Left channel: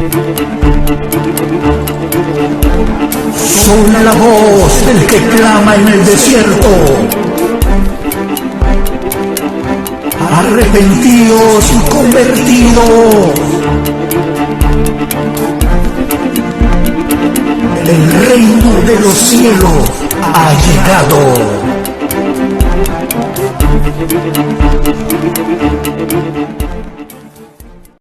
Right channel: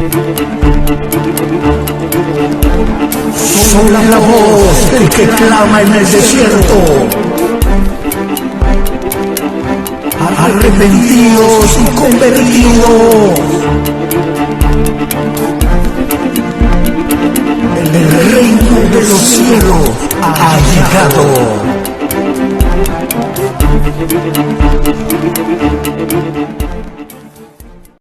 Son la voz que clama en el cielo. Arrepentidos y convertidos. El reino de los cielos ha llegado.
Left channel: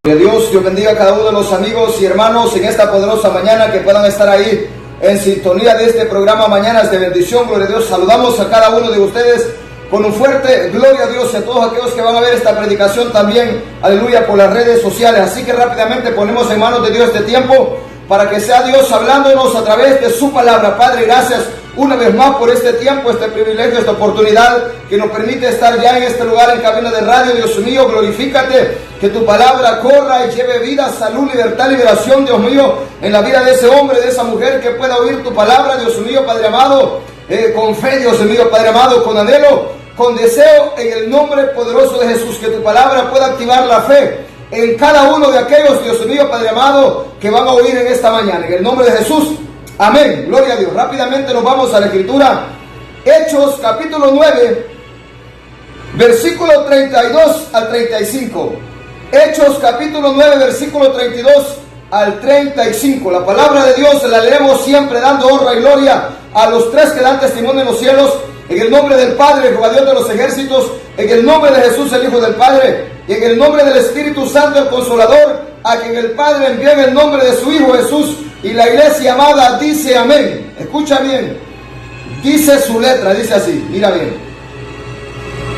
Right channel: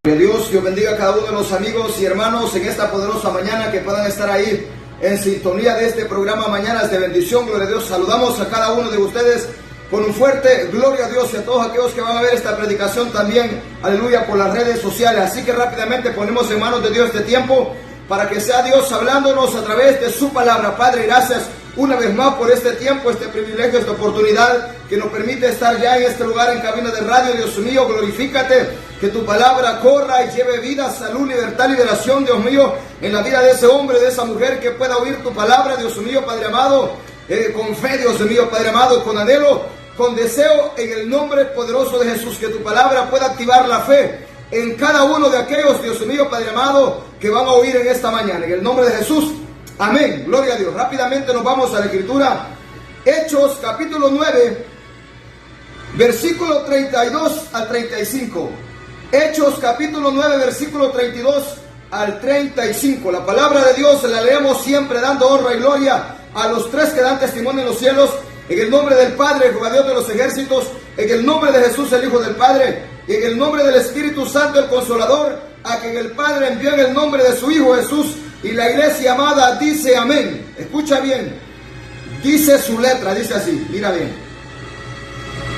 Que Dios bendiga a cada uno de los amigos y hermanos en esta poderosa mañana, que puedan estar ahí en sintonía de este programa Mañanas de Bendición. Gloria a Dios. Saludamos a cada uno de ustedes con un fuerte gloria a Dios y a todos aquellos que van a ver esta predicación también, aleluya, por las redes sociales. Así que rápidamente ponemos en manos de Dios este tiempo para que sea Dios hablándonos a través de su palabra. Padre, gracias una vez más por este tiempo, este privilegio, esta oportunidad que nos permite estar ya en este lugar en cabina de radio. Dios mío, glorifícate, que tu palabra corra y lleve vida, salud, libertad, liberación, Dios mío, en la vida de ese hombre, de esa mujer que pueda oír tu palabra, Dios mío, Padre amado, con fe, Dios mío, Padre amado, con anhelo, con deseo, en el nombre poderoso de Jesús, que tu palabra pueda activar la fe en cada uno de aquellos, Dios mío, Padre amado, que van a oír en esta mañana, en el nombre de Jesús. Amén, gloria a Dios. Rápidamente nos vamos a la escritura. Hechos capítulo 9, versículo 32 al 35. Hechos capítulo 9, versículo 32 al 35. La palabra de Dios la leemos siempre dando honra y gloria a los tres que dan testimonio en los cielos. En el nombre del Padre, Jehová Dios de los ejércitos, en el nombre de Jesús, el Hijo del Padre, y en el nombre del Espíritu Santo, el Consolador, a quien el Padre envió en el nombre de su Hijo Jesús. Y la iglesia amada dice amén. Escucha bien. Dice su letra, dice así, mira bien.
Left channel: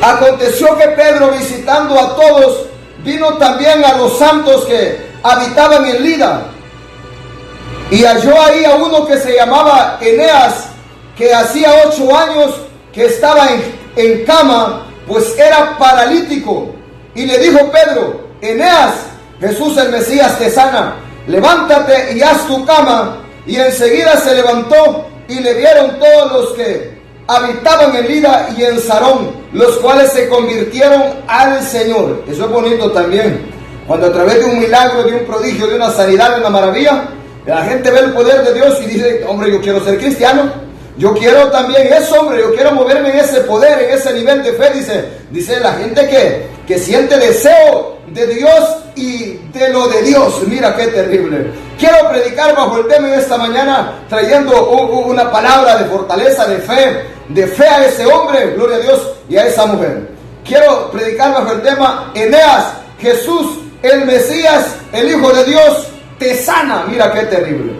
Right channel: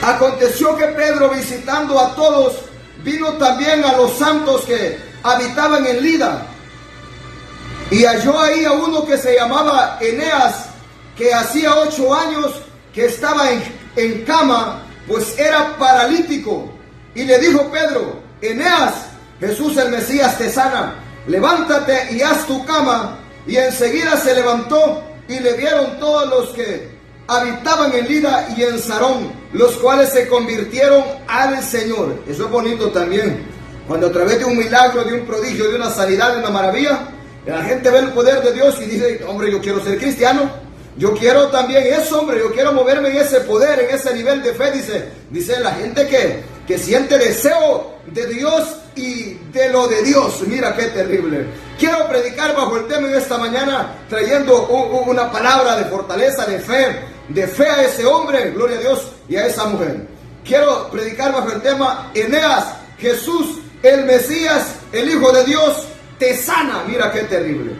Aconteció que Pedro, visitando a todos, vino también a los santos que habitaban en Lida. Y halló ahí a uno que se llamaba Eneas, que hacía 8 años que estaba en cama, pues era paralítico. Y le dijo Pedro: Eneas, Jesús el Mesías te sana. Levántate y haz tu cama. Y enseguida se levantó, y le vieron todos los que habitaban en Lida y en Sarón, los cuales se convirtieron al Señor. Eso es bonito también, cuando a través de un milagro, de un prodigio, de una sanidad, de una maravilla, la gente ve el poder de Dios y dice: hombre, yo quiero ser cristiano, yo quiero también eso, hombre, yo quiero moverme en ese poder, en ese nivel de fe. Dice la gente que siente deseo de Dios y de lo de Dios. Mira qué terrible. Quiero predicar bajo el tema en esta mañana, trayendo una palabra de fortaleza, de fe a ese hombre, gloria a Dios, y a esa mujer. Quiero predicar bajo el tema: Eneas, Jesús el Mesías, el Hijo de Dios, te sana. Mira qué terrible.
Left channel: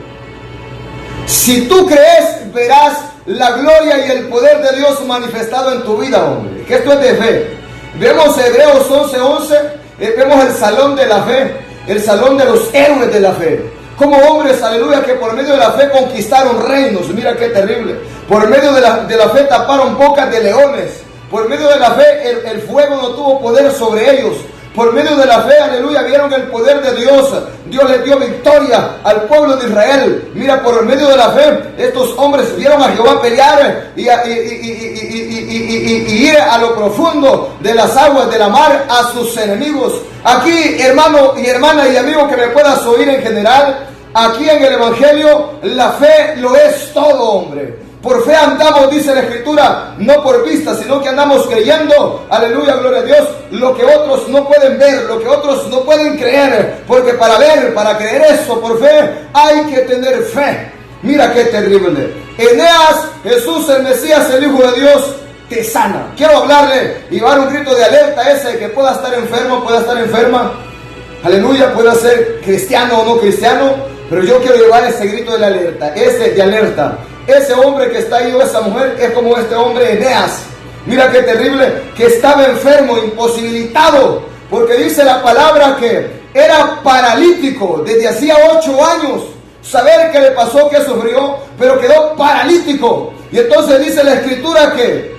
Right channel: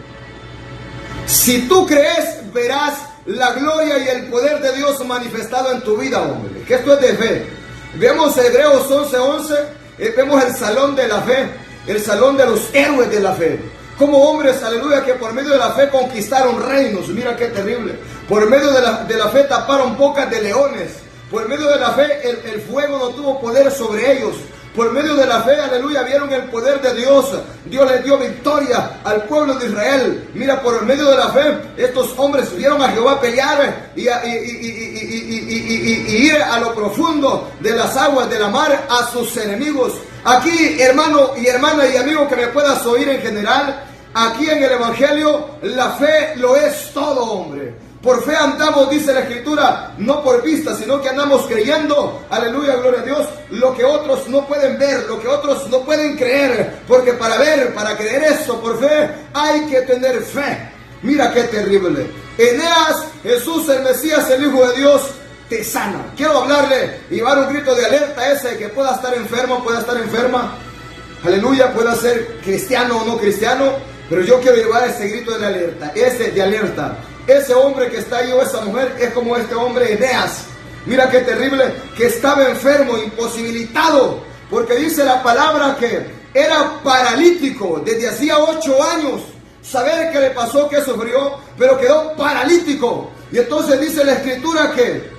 Si tú crees, verás la gloria y el poder de Dios manifestado en tu vida, hombre. Que esto es de fe. Vemos Hebreos 11:11, vemos el salón de la fe, el salón de los héroes de la fe. Como hombres, aleluya, que por medio de la fe conquistaron reinos. Mira qué terrible. Por medio de la fe taparon bocas de leones. Por medio de la fe el fuego no tuvo poder sobre ellos. Por medio de la fe, aleluya, vieron el poder de Dios. Dios les dio victoria al pueblo de Israel. Mira, por medio de la fe, estos hombres vieron a Jehová pelear y ir a lo profundo de las aguas de la mar a sus enemigos. Aquí, hermano y hermana y amigo que me puedas oír en general, aquí en el Evangelio, la fe lo es todo, hombre. Por fe andamos, dice la Escritura, no por vista, sino que andamos creyendo, aleluya, gloria a Dios, lo que otros no pueden ver, lo que otros no pueden creer, porque para ver, para creer eso por fe, hay que tener fe. Mira qué terrible. Eneas, Jesús el Mesías, el Hijo de Dios, te sana. Quiero hablarle y dar un grito de alerta a ese que pueda estar enfermo, pueda estar enferma, aleluya, pueda ser cristiano o no cristiano, pero yo quiero llevar ese grito de alerta, ese de alerta. Ese hombre que está ahí o esa mujer es como este hombre Eneas. Mira qué terrible, que estaba enfermo, imposibilitado, porque dice la palabra que era paralítico desde hacía 8 años. Saber qué le pasó, qué sufrió, pero quedó paralítico. Y entonces dice la Escritura que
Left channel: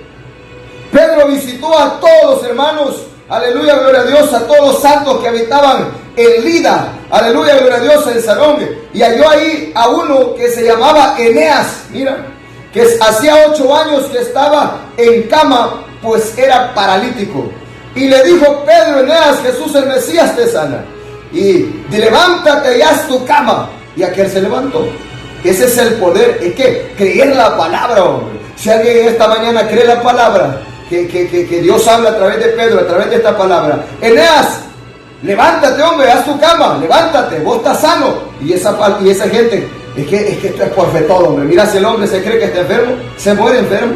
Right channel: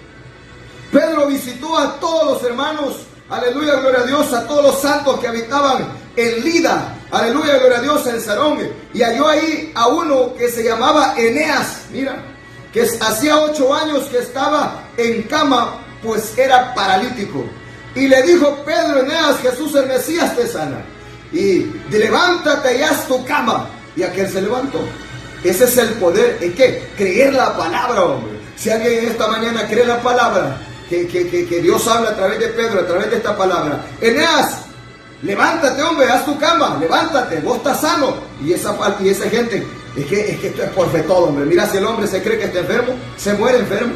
Pedro visitó a todos los hermanos, aleluya, gloria a Dios, a todos los santos que habitaban en Lida, aleluya, gloria a Dios, en Sarón, y halló ahí a uno que se llamaba Eneas, mira, que hacía 8 años que estaba en cama, pues era paralítico. Y le dijo Pedro: Eneas, Jesús el Mesías te sana. y levántate y haz tu cama. Y aquel se levantó. Ese es el poder. ¿Es que creer la palabra, hombre? Si alguien esta mañana cree la palabra, que Dios habla a través de Pedro, a través de esta palabra. Eneas, levántate, hombre, haz tu cama, levántate, vos estás sano. Y esa gente, es que esto es por fe todo, hombre. Mira, si el hombre se cree que está enfermo, se muere enfermo.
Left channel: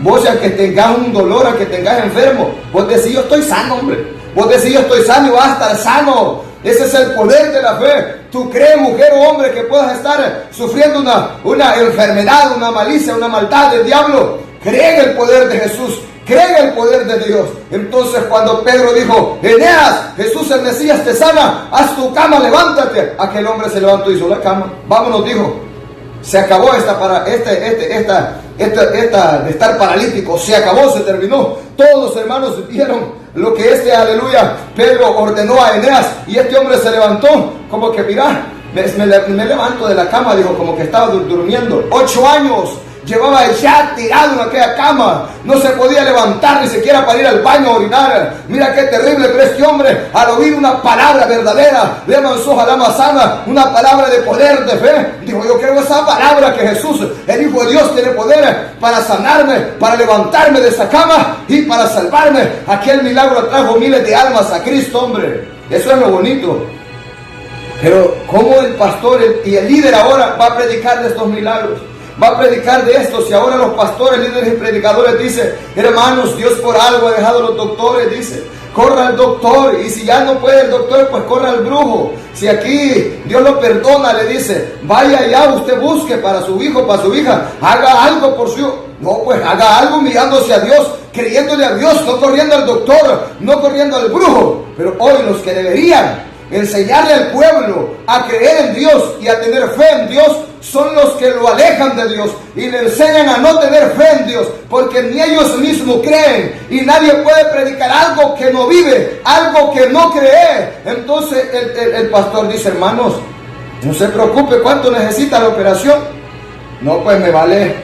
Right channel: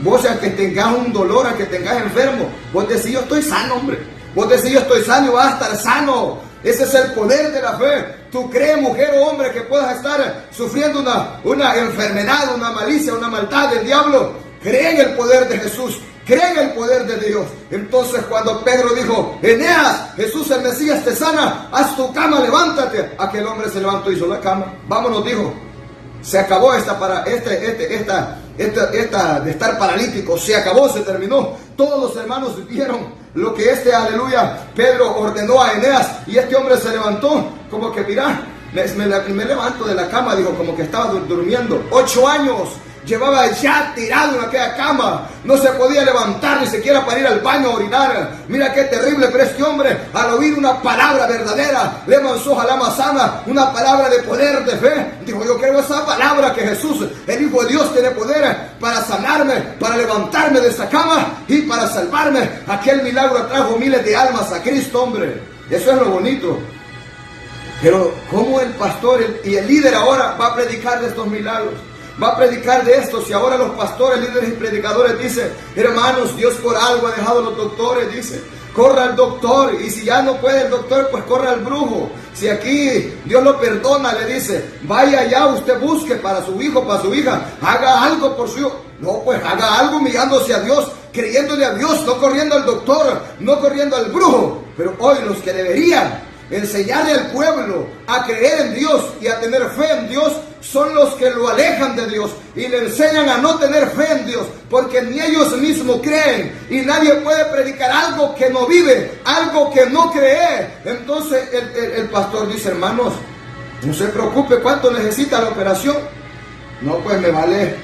Vos, aunque tengas un dolor, aunque tengas enfermo, vos decís, yo estoy sano, hombre. Vos decís, yo estoy sano y vas a estar sano. Ese es el poder de la fe. Tú crees, mujer o hombre, que puedas estar sufriendo una enfermedad, una malicia, una maldad del diablo. Cree en el poder de Jesús. Cree en el poder de Dios. Entonces cuando Pedro dijo, Eneas, Jesús el Mesías te sana, haz tu cama, levántate. Aquel hombre se levantó y hizo la cama. Vámonos, dijo. Se acabó de estar paralítico. Se acabó, se terminó. Todos los hermanos vieron lo que aleluya, Pedro ordenó a Eneas. Y este hombre se levantó. Como que, mira, me levanto de la cama. Dijo, como que estaba durmiendo. 8 años llevaba ya tirado en aquella cama. No se podía levantar ni siquiera para ir al baño a orinar. Mira qué terrible. Pero este hombre, al oír una palabra verdadera, le manzó a la manzana, una palabra de poder, de fe, dijo, yo quiero esa palabra que Jesús, el Hijo de Dios, tiene poder para sanarme, para levantarme de esta cama y para salvarme. Aquel milagro trajo miles de almas a Cristo, hombre. Eso es lo bonito. Pero ¿cómo el pastor y el líder ahora va a predicar de estos milagros? Va a predicar de esto. Si ahora los pastores, líderes y predicadores dicen, hermanos, Dios por algo ha dejado a los doctores, dice, corra al doctor. Y si ya no puede el doctor, pues corra al brujo. Si aquí Dios lo perdona, le dice, vaya allá, usted busque para su hijo, para su hija, haga algo por su hijo. No, pues haga algo mirándose a Dios, creyéndole a Dios, no corriendo al doctor, no corriendo al brujo. Pero hoy los que deberían enseñarle al pueblo a creer en Dios y a tener fe en Dios son los que lo alejan de Dios y le enseñan a no tener fe en Dios, porque ni ellos mismos creen y nadie puede predicar algo que no vive, algo que no cree. Entonces el pastor dice, hermanos, no se preocupe, ¿cuánto necesita la operación? No, pues me vale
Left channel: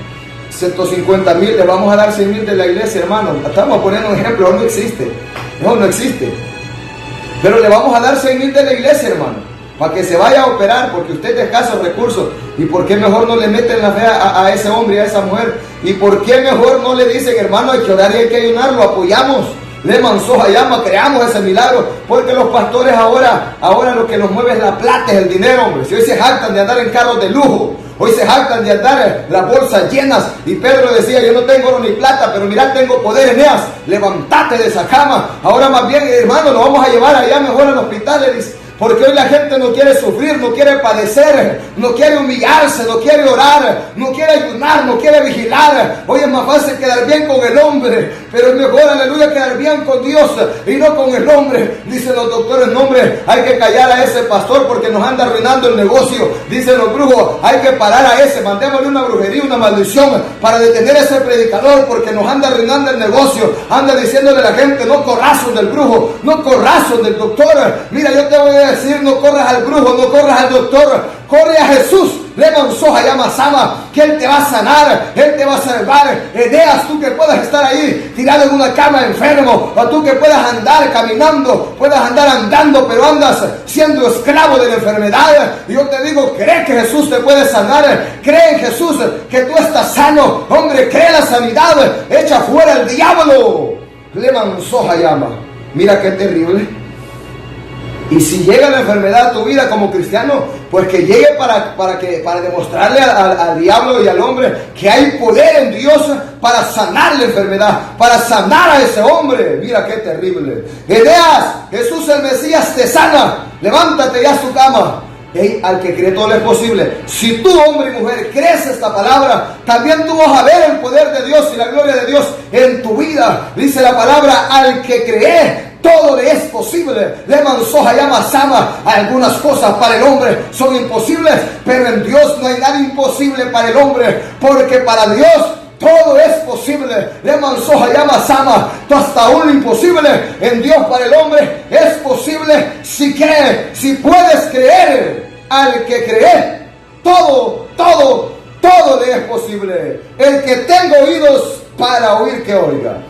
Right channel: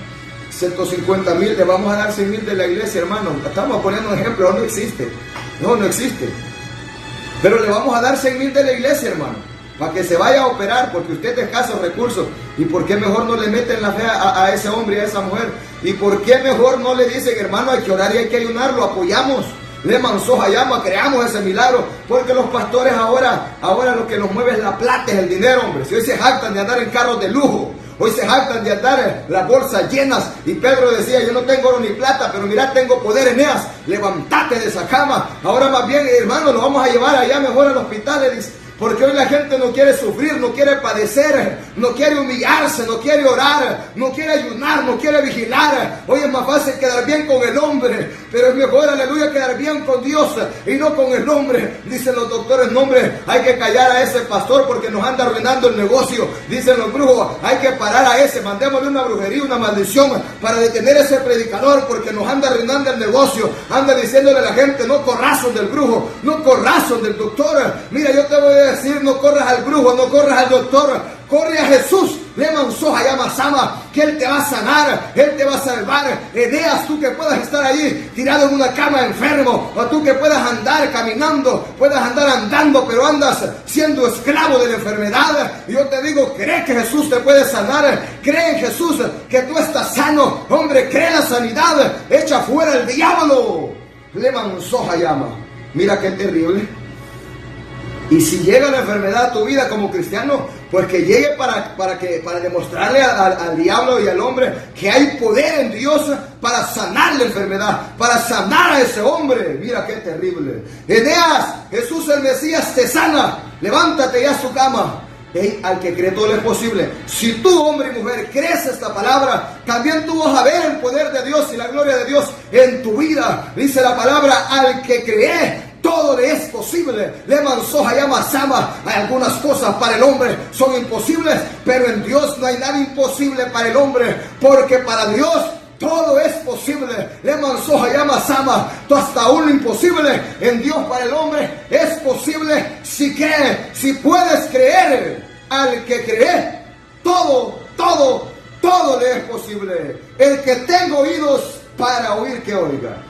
150,000, le vamos a dar 100,000 de la iglesia, hermano. Estamos poniendo un ejemplo, no existe. No existe. Pero le vamos a dar 100,000 de la iglesia, hermano, para que se vaya a operar, porque usted es de escasos recursos. ¿Y por qué mejor no le meten la fe a ese hombre y a esa mujer? ¿Y por qué mejor no le dicen, hermano, hay que orar y hay que ayunar? Lo apoyamos, le manzó a llama, creamos ese milagro. Porque los pastores ahora lo que los mueve es la plata, es el dinero, hombre. Si hoy se jactan de andar en carros de lujo, hoy se jactan de andar las bolsas llenas. Y Pedro decía, yo no tengo oro ni plata, pero mira, tengo poder, Eneas, levántate de esa cama. Ahora más bien, hermano, lo vamos a llevar allá mejor al hospital, le dice. Porque hoy la gente no quiere sufrir, no quiere padecer, no quiere humillarse, no quiere orar, no quiere ayunar, no quiere vigilar. Hoy es más fácil quedar bien con el hombre, pero es mejor, aleluya, quedar bien con Dios y no con el hombre. Dicen los doctores, no, hombre, hay que callar a ese pastor porque nos anda arruinando el negocio. Dicen los brujos, hay que parar a ese, mandémosle una brujería, una maldición para detener a ese predicador porque nos anda arruinando el negocio. Anda diciéndole a la gente, no corras del brujo, no corras del doctor. Mira, yo te voy a decir, no corras al brujo, no corras al doctor, corre a Jesús. Le manzó a llama Sama, que Él te va a sanar, Él te va a salvar. Eneas, tú que puedas estar ahí tirado en una cama enfermo, o tú que puedas andar caminando, puedas andar andando, pero andas siendo esclavo de la enfermedad. Y yo te digo, cree que Jesús te puede sanar, cree en Jesús que tú estás sano, hombre, cree la sanidad, echa fuera el diablo. Le manzó a llama. Mira qué terrible. Y si llega la enfermedad a tu vida como cristiano, pues que llegue para demostrarle al diablo y al hombre que hay poder en Dios para sanar la enfermedad, para sanar a ese hombre. Mira qué terrible. Eneas, Jesús el Mesías te sana, levántate y haz tu cama. Hey, al que cree todo le es posible. Si tú, hombre y mujer, crees esta palabra, también tú vas a ver el poder de Dios y la gloria de Dios en tu vida. Dice la palabra, al que cree todo le es posible. Le manzó a llama Sama. Algunas cosas para el hombre son imposibles, pero en Dios no hay nada imposible para el hombre, porque para Dios todo es posible. Le manzó a llama Sama. Hasta aún lo imposible en Dios para el hombre es posible si cree, si puedes creer. Al que cree, todo le es posible. El que tenga oídos para oír, que oiga.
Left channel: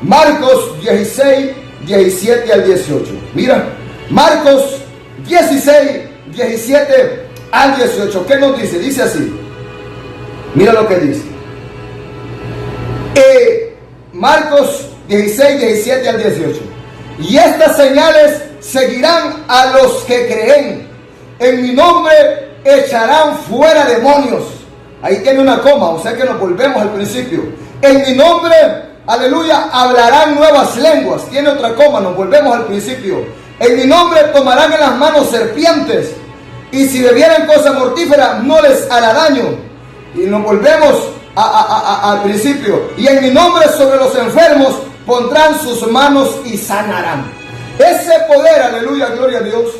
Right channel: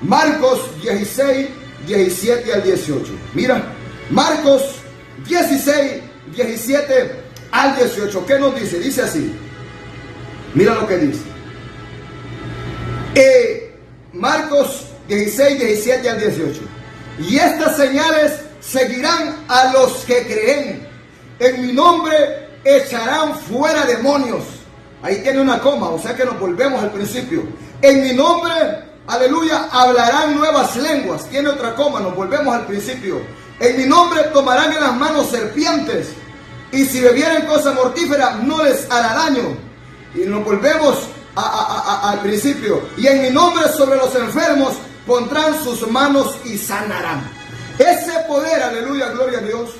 Marcos 16, 17 al 18. Mira, Marcos 16, 17 al 18. ¿Qué nos dice? Dice así. Mira lo que dice. Marcos 16, 17 al 18. Y estas señales seguirán a los que creen. En mi nombre echarán fuera demonios. Ahí tiene una coma, o sea que nos volvemos al principio. En mi nombre, aleluya, hablarán nuevas lenguas. Tiene otra coma, nos volvemos al principio. En mi nombre tomarán en las manos serpientes. Y si bebieren cosa mortífera, no les hará daño. Y nos volvemos al principio. Y en mi nombre sobre los enfermos pondrán sus manos y sanarán. Ese poder, aleluya, gloria a Dios,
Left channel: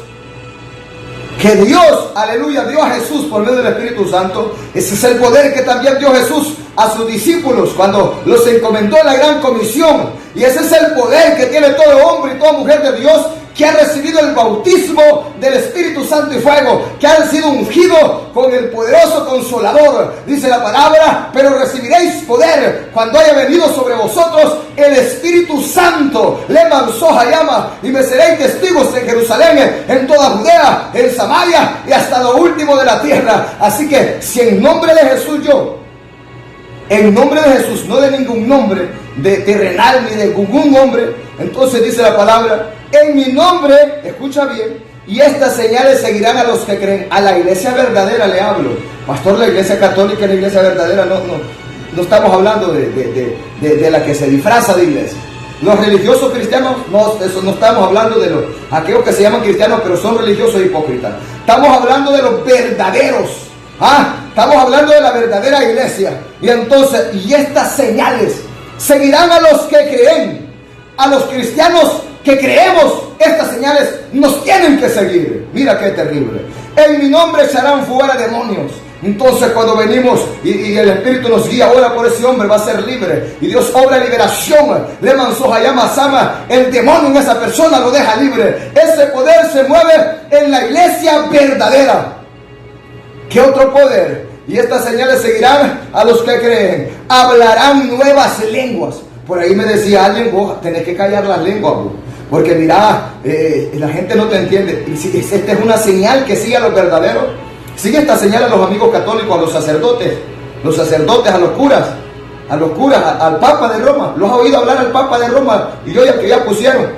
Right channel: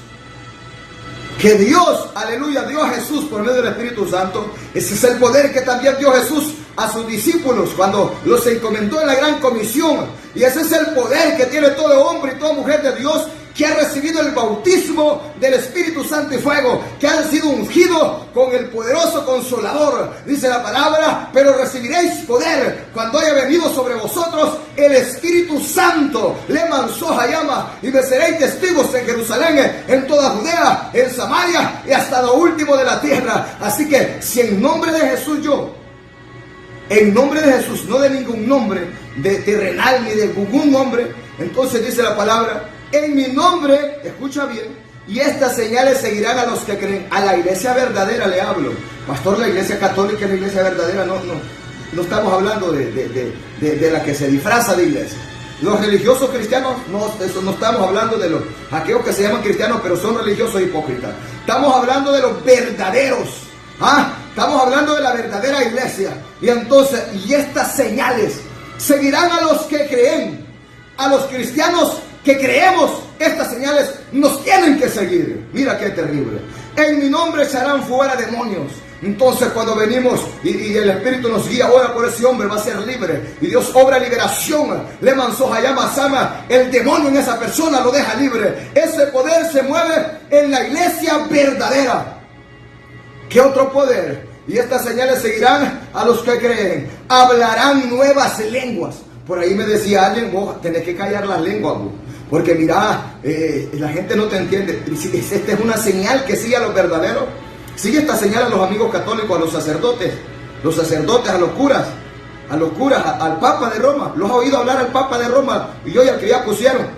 que Dios, aleluya, dio a Jesús por medio del Espíritu Santo. Ese es el poder que también dio Jesús a sus discípulos cuando los encomendó en la gran comisión. Y ese es el poder que tiene todo hombre y toda mujer de Dios que ha recibido el bautismo del Espíritu Santo y fuego, que han sido ungidos con el poderoso Consolador. Dice la palabra, pero recibiréis poder cuando haya venido sobre vosotros el Espíritu Santo. Le manzó llama y me seréis testigos en Jerusalén, en toda Judea, en Samaria y hasta lo último de la tierra. Así que si en nombre de Jesús en nombre de Jesús, no de ningún nombre de terrenal ni de ningún hombre, entonces dice la palabra, en mi nombre, escucha bien, y estas señales seguirán a los que creen. A la iglesia verdadera le hablo. Pastor, la iglesia católica es la iglesia verdadera. No estamos hablando de la que se disfraza de iglesia. Los religiosos cristianos, no estamos hablando de aquellos que se llaman cristianos, pero son religiosos hipócritas. Estamos hablando de los verdaderos. Estamos hablando de la verdadera iglesia. Y entonces, y estas señales seguirán a los que creen. A los cristianos que creemos, estas señales nos tienen que seguir. Mira qué terrible. En mi nombre echarán fuera demonios. Entonces cuando venimos y el Espíritu nos guía, ora por ese hombre, va a ser libre. Y Dios obra liberación. Le manzó llama sama. El demonio en esa persona lo deja libre. Ese poder se mueve en la iglesia verdadera. ¿Qué otro poder? Y estas señales seguirán a los que creen. Hablarán nuevas lenguas. Por ahí me decía alguien, vos tenés que callar las lenguas, vos. Porque mira, la gente no te entiende. Y si esta es una señal que sigue a los verdaderos. Sigue esta señal a los amigos católicos, a los sacerdotes, a los curas, al Papa de Roma. ¿Los has oído hablar al Papa de Roma? Y yo ya que ya pusieron,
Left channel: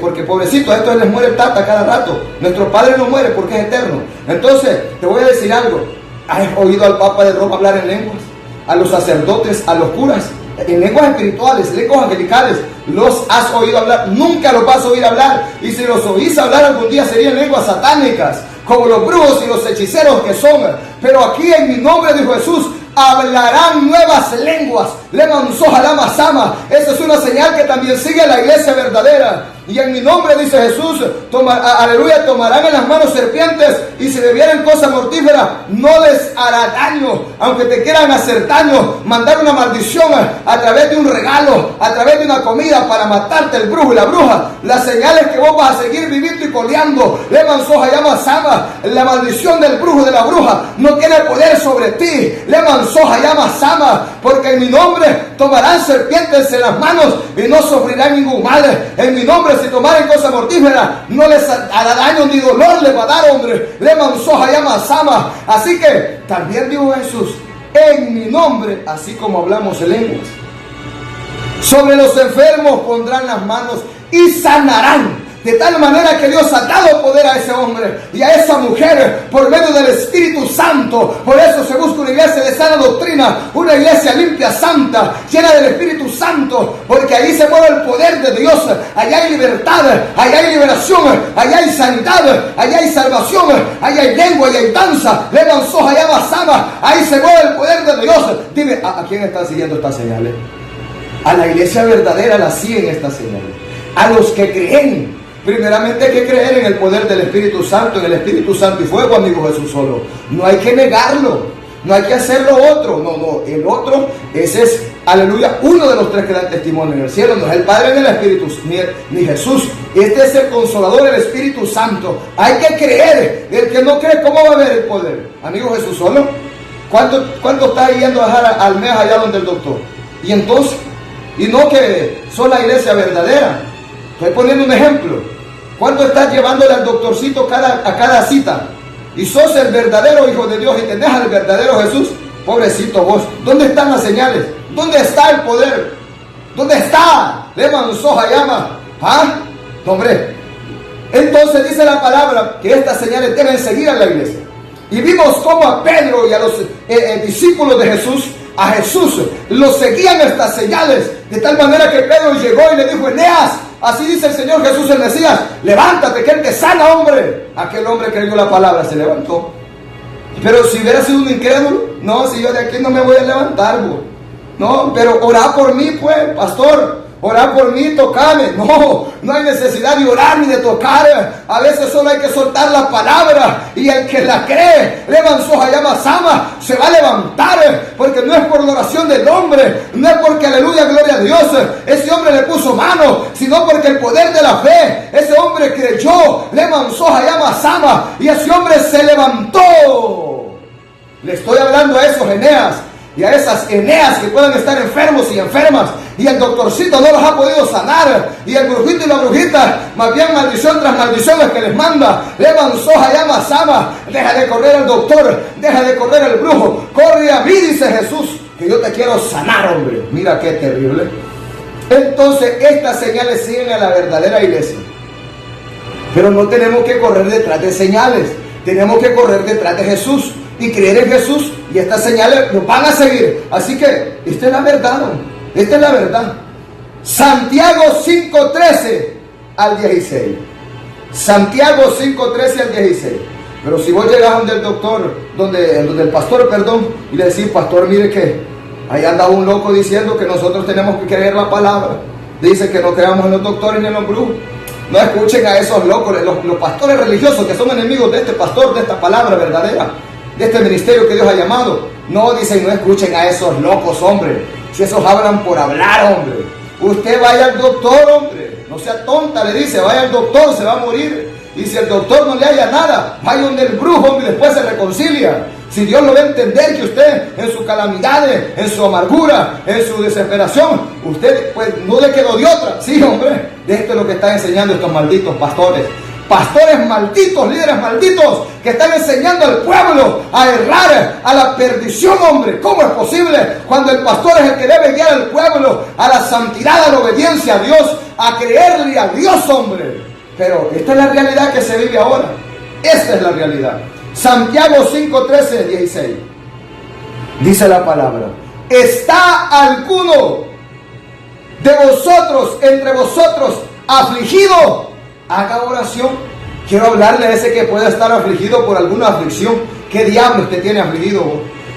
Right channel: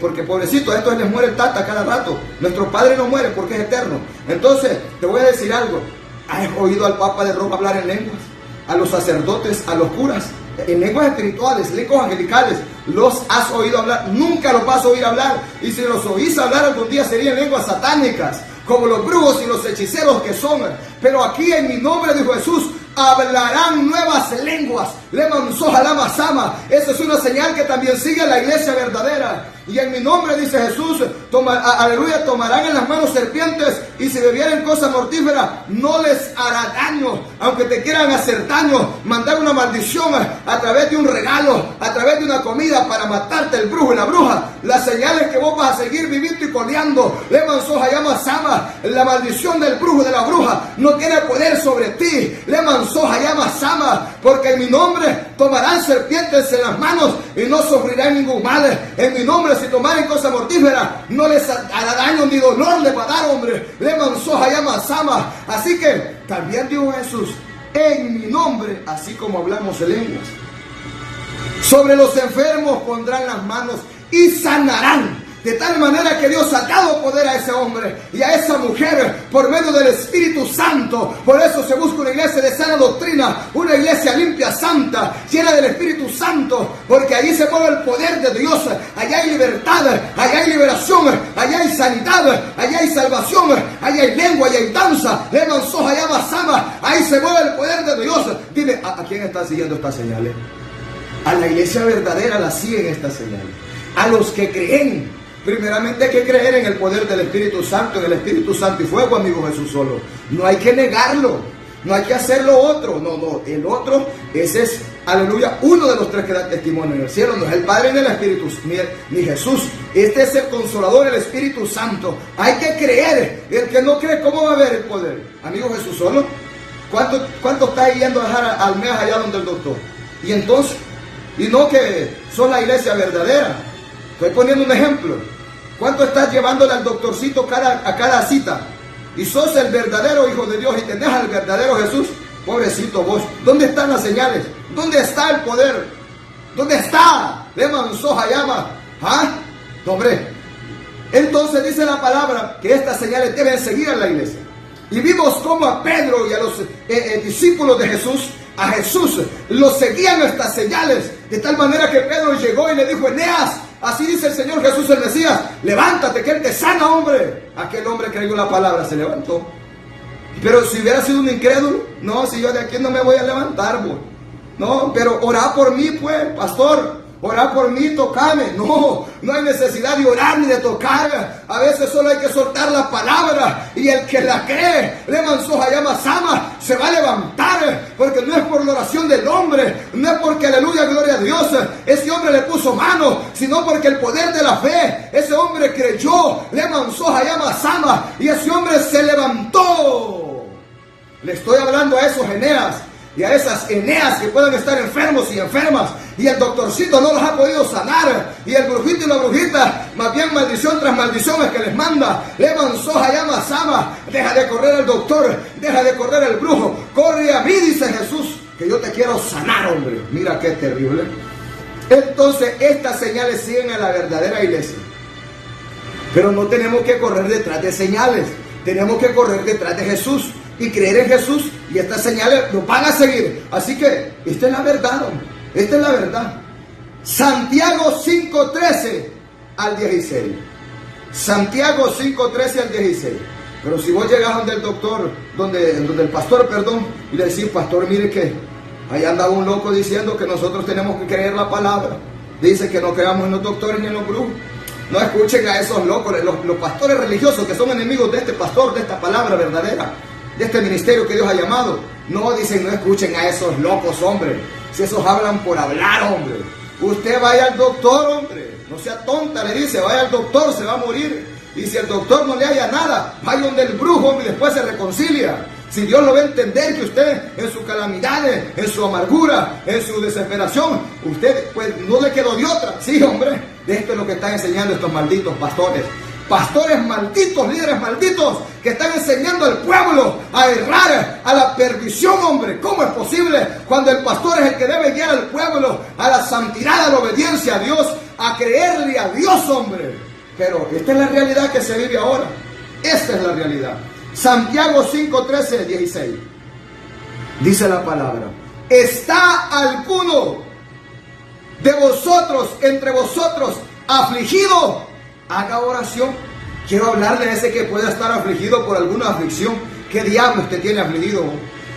porque pobrecito, a estos les muere el tata cada rato. Nuestro Padre no muere porque es eterno. Entonces, te voy a decir algo. ¿Has oído al Papa de Roma hablar en lenguas? A los sacerdotes, a los curas, en lenguas espirituales, lenguas angelicales. ¿Los has oído hablar? Nunca los vas a oír hablar. Y si los oís hablar algún día serían lenguas satánicas, como los brujos y los hechiceros que son. Pero aquí en mi nombre, dijo Jesús, hablarán nuevas lenguas. Le manzó jalama sama. Esa es una señal que también sigue la iglesia verdadera. Y en mi nombre, dice Jesús, aleluya, tomarán en las manos serpientes, y si bebieren cosa mortífera, no les hará daño. Aunque te quieran hacer daño, mandar una maldición a través de un regalo, a través de una comida para matarte el brujo y la bruja. Las señales que vos vas a seguir viviendo y coleando. Le manzó llama sama. La maldición del brujo y de la bruja no tiene poder sobre ti. Le manzó llama sama. Porque en mi nombre tomarán serpientes en las manos y no sufrirán ningún mal. En mi nombre, si tomaren cosa mortífera, no les hará daño ni dolor les va a dar, hombre. Le manzó llama sama. Así que también dijo Jesús, en mi nombre, así como hablamos en lenguas, sobre los enfermos pondrán las manos y sanarán. De tal manera que Dios ha dado poder a ese hombre y a esa mujer por medio del Espíritu Santo. Por eso se busca una iglesia de sana doctrina, una iglesia limpia, santa, llena del Espíritu Santo, porque ahí se mueve el poder de Dios. Allá hay libertad, allá hay liberación, allá hay sanidad, allá hay salvación, allá hay lengua, allá hay danza. Le manzó, allá basaba, ahí se mueve el poder de Dios. Dime, ¿a quién está siguiendo estas señales? A la iglesia verdadera la siguen estas señales. A los que creen. Primeramente hay que creer en el poder del Espíritu Santo, en el Espíritu Santo y fuego, amigo Jesús solo. No hay que negarlo, no hay que hacer lo otro. No, el otro, ese es, aleluya, uno de los tres que dan testimonio en el cielo. No es el Padre ni el Espíritu, ni Jesús. Este es el Consolador, el Espíritu Santo. Hay que creer. El que no cree, ¿cómo va a ver el poder? Amigo Jesús solo. ¿Cuánto está yendo a dejar al mes allá donde el doctor? Y entonces, y no que son la iglesia verdadera. Estoy poniendo un ejemplo. ¿Cuánto estás llevándole al doctorcito a cada cita? Y sos el verdadero Hijo de Dios y tenés al verdadero Jesús. Pobrecito vos. ¿Dónde están las señales? ¿Dónde está el poder? ¿Dónde está? Leman soja llama. ¿Ah? No, hombre. Entonces dice la palabra que estas señales deben seguir a la iglesia. Y vimos cómo a Pedro y a los discípulos de Jesús, a Jesús, los seguían estas señales. De tal manera que Pedro llegó y le dijo: Eneas, así dice el Señor Jesús el Mesías, levántate que Él te sana, hombre. Aquel hombre creyó la palabra, se levantó. Pero si hubiera sido un incrédulo, no, si yo de aquí no me voy a levantar, bo. No, pero orá por mí, pues, pastor. Orá por mí, tocame. No, no hay necesidad de orar ni de tocar. A veces solo hay que soltar la palabra. Y el que la cree, se va a levantar. Porque no es por la oración del hombre. No es porque aleluya, gloria a Dios, ese hombre le puso mano. Sino porque el poder de la fe. Ese hombre creyó. Y ese hombre se levantó. Le estoy hablando a esos Eneas. Y a esas Eneas que pueden estar enfermos y enfermas. Y el doctorcito no los ha podido sanar. Y el brujito y la brujita, más bien maldición tras maldición es que les manda. Deja de correr al doctor. Deja de correr al brujo. Corre a mí, dice Jesús, que yo te quiero sanar, hombre. Mira qué terrible. Entonces estas señales siguen a la verdadera iglesia. Pero no tenemos que correr detrás de señales. Tenemos que correr detrás de Jesús y creer en Jesús, y estas señales nos van a seguir. Así que esta es la verdad, esta es la verdad. Santiago 5:13 al 16. Santiago 5:13 al 16. Pero si vos llegas donde el doctor, donde el pastor, perdón, y le decís: pastor, mire que ahí anda un loco diciendo que nosotros tenemos que creer la palabra. Dice que no creamos en los doctores ni en los brujos. No escuchen a esos locos, los pastores religiosos que son enemigos de este pastor, de esta palabra verdadera, de este ministerio que Dios ha llamado. No, dicen, no escuchen a esos locos, hombre. Si esos hablan por hablar, hombre. Usted vaya al doctor, hombre. No sea tonta, le dice, vaya al doctor, se va a morir. Y si el doctor no le haya nada, vaya donde el brujo, hombre, y después se reconcilia. Si Dios lo va a entender que usted en su calamidad, en su amargura, en su desesperación, usted pues no le quedó de otra. Sí, hombre, de esto es lo que están enseñando estos malditos pastores. Pastores malditos, líderes malditos, que están enseñando al pueblo a errar, a la perdición, hombre. ¿Cómo es posible cuando el pastor es el que debe guiar al pueblo a la santidad, a la obediencia a Dios, a creerle a Dios, hombre? Pero esta es la realidad que se vive ahora. Esta es la realidad. Santiago 5:13 al 16. Dice la palabra: ¿está alguno de vosotros, entre vosotros, afligido? Haga oración. Quiero hablarle a ese que pueda estar afligido por alguna aflicción. ¿Qué diablos te tiene afligido?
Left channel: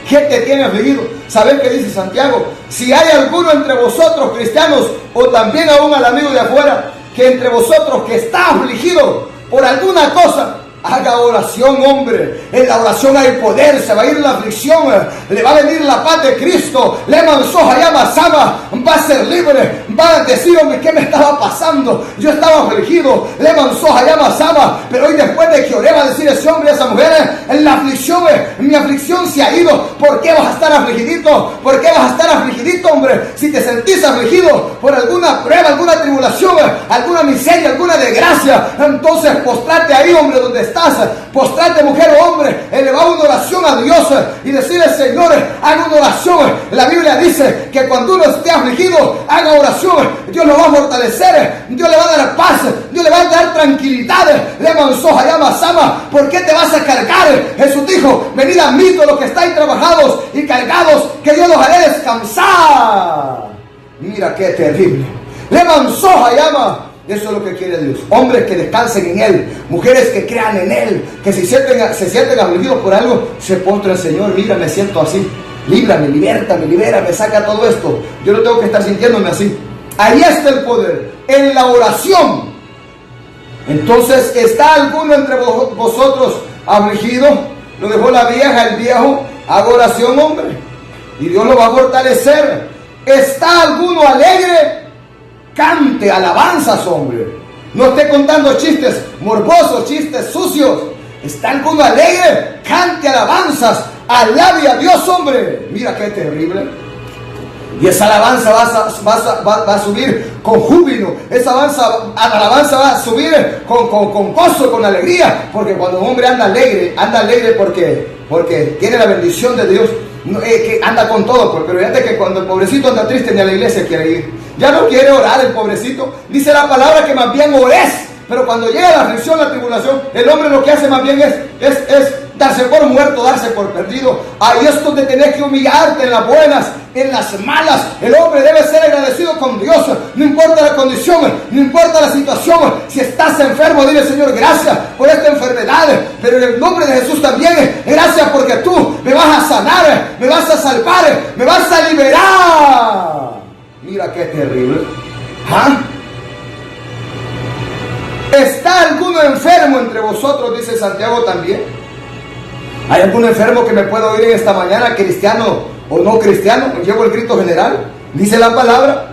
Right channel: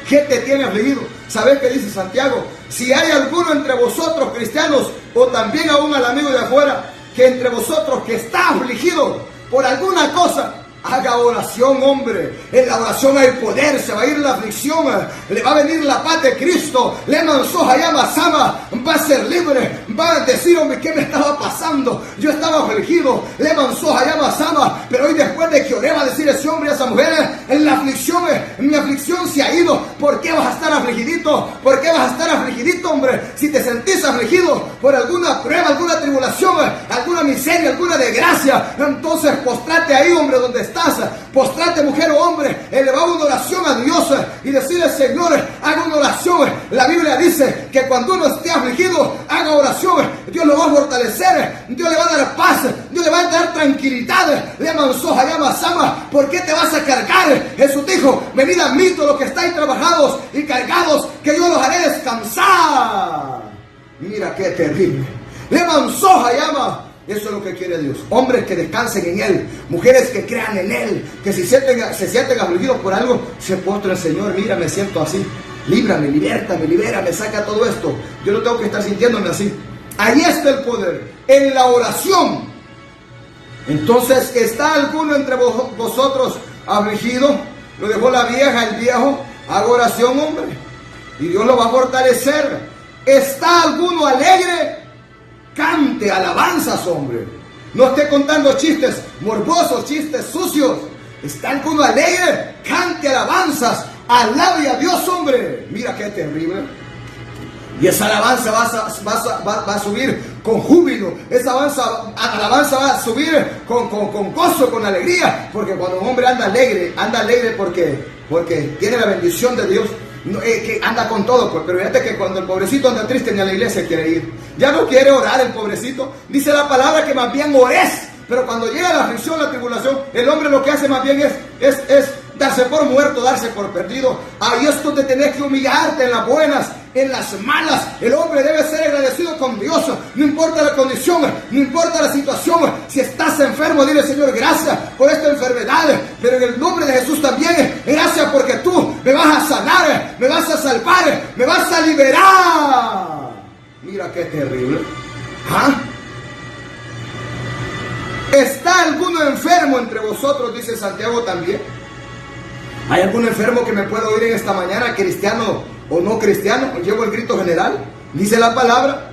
¿Qué te tiene afligido? ¿Sabes qué dice Santiago? Si hay alguno entre vosotros, cristianos, o también aún al amigo de afuera, que entre vosotros que está afligido por alguna cosa, haga oración, hombre. En la oración hay poder. Se va a ir la aflicción, le va a venir la paz de Cristo. Le mansoja llama sama, va a ser libre. Va a decir: hombre, ¿qué me estaba pasando? Yo estaba afligido. Le mansoja llama sama, pero hoy después de que oré va a decir ese hombre y esa mujer: en la aflicción, mi aflicción se ha ido. ¿Por qué vas a estar afligidito? ¿Por qué vas a estar afligidito, hombre? Si te sentís afligido por alguna prueba, alguna tribulación, alguna miseria, alguna desgracia, entonces postrate ahí, hombre, donde estás. Postrate, mujer o hombre, elevar una oración a Dios y decirle: Señor, haga una oración. La Biblia dice que cuando uno esté afligido, haga oración. Dios lo va a fortalecer, Dios le va a dar paz, Dios le va a dar tranquilidad. Le mansoja llama sama. ¿Por qué te vas a cargar? Jesús dijo: venid a mí todos los que estáis trabajados y cargados, que yo los haré descansar. Mira qué terrible. Le mansoja llama. Eso es lo que quiere Dios. Hombres que descansen en Él. Mujeres que crean en Él. Que si se sienten afligidos por algo, se postren: Señor, mira, me siento así. Líbrame, libértame, libérame, saca todo esto. Yo no tengo que estar sintiéndome así. Ahí está el poder. En la oración. Entonces, ¿está alguno entre vosotros afligido? Lo dejó la vieja, el viejo. Haga oración, hombre. Y Dios lo va a fortalecer. ¿Está alguno alegre? Cante alabanzas, hombre. No esté contando chistes morbosos, chistes sucios. ¿Está alguno alegre? Cante alabanzas. Alabe a Dios, hombre. Mira qué terrible. Y esa alabanza va a subir con júbilo. Esa alabanza va a subir con gozo, con alegría. Porque cuando un hombre anda alegre porque tiene la bendición de Dios, que anda con todo. Pero fíjate que cuando el pobrecito anda triste, ni a la iglesia quiere ir. Ya no quiere orar el pobrecito. Dice la palabra que más bien ores. Pero cuando llega la aflicción, la tribulación, el hombre lo que hace más bien es darse por muerto, darse por perdido. Ahí es donde tenés que humillarte, en las buenas, en las malas. El hombre debe ser agradecido con Dios. No importa la condición, no importa la situación. Si estás enfermo, dile: Señor, gracias por esta enfermedad. Pero en el nombre de Jesús también, gracias porque tú me vas a sanar, me vas a salvar, me vas a liberar. Mira qué terrible. ¿Ah? ¿Está alguno enfermo entre vosotros? Dice Santiago también. ¿Hay algún enfermo que me pueda oír en esta mañana, cristiano o no cristiano? Llevo el grito general. Dice la palabra:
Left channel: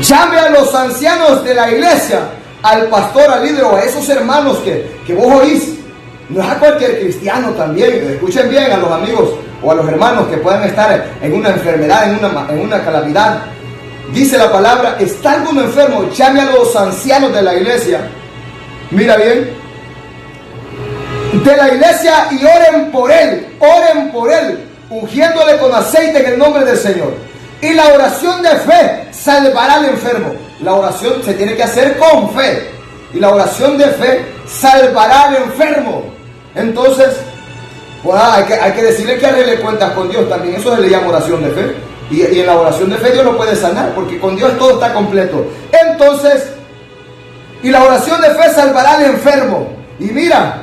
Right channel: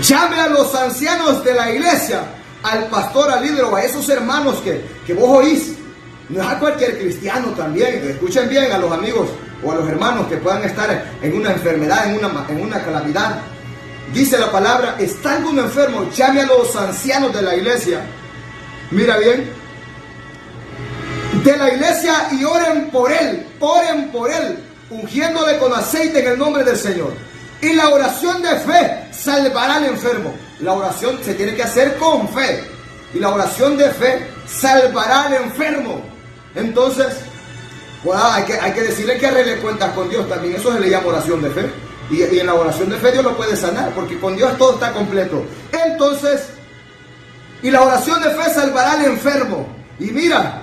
llame a los ancianos de la iglesia, al pastor, al líder o a esos hermanos que vos oís. No es a cualquier cristiano también. Escuchen bien a los amigos o a los hermanos que puedan estar en una enfermedad, en una calamidad. Dice la palabra: ¿está alguno enfermo? Llame a los ancianos de la iglesia. Mira bien, de la iglesia, y oren por él, ungiéndole con aceite en el nombre del Señor. Y la oración de fe salvará al enfermo. La oración se tiene que hacer con fe. Y la oración de fe salvará al enfermo. Entonces, pues, hay que decirle que arregle cuentas con Dios también. Eso se le llama oración de fe. Y en la oración de fe Dios lo puede sanar, porque con Dios todo está completo. Entonces, y la oración de fe salvará al enfermo. Y mira,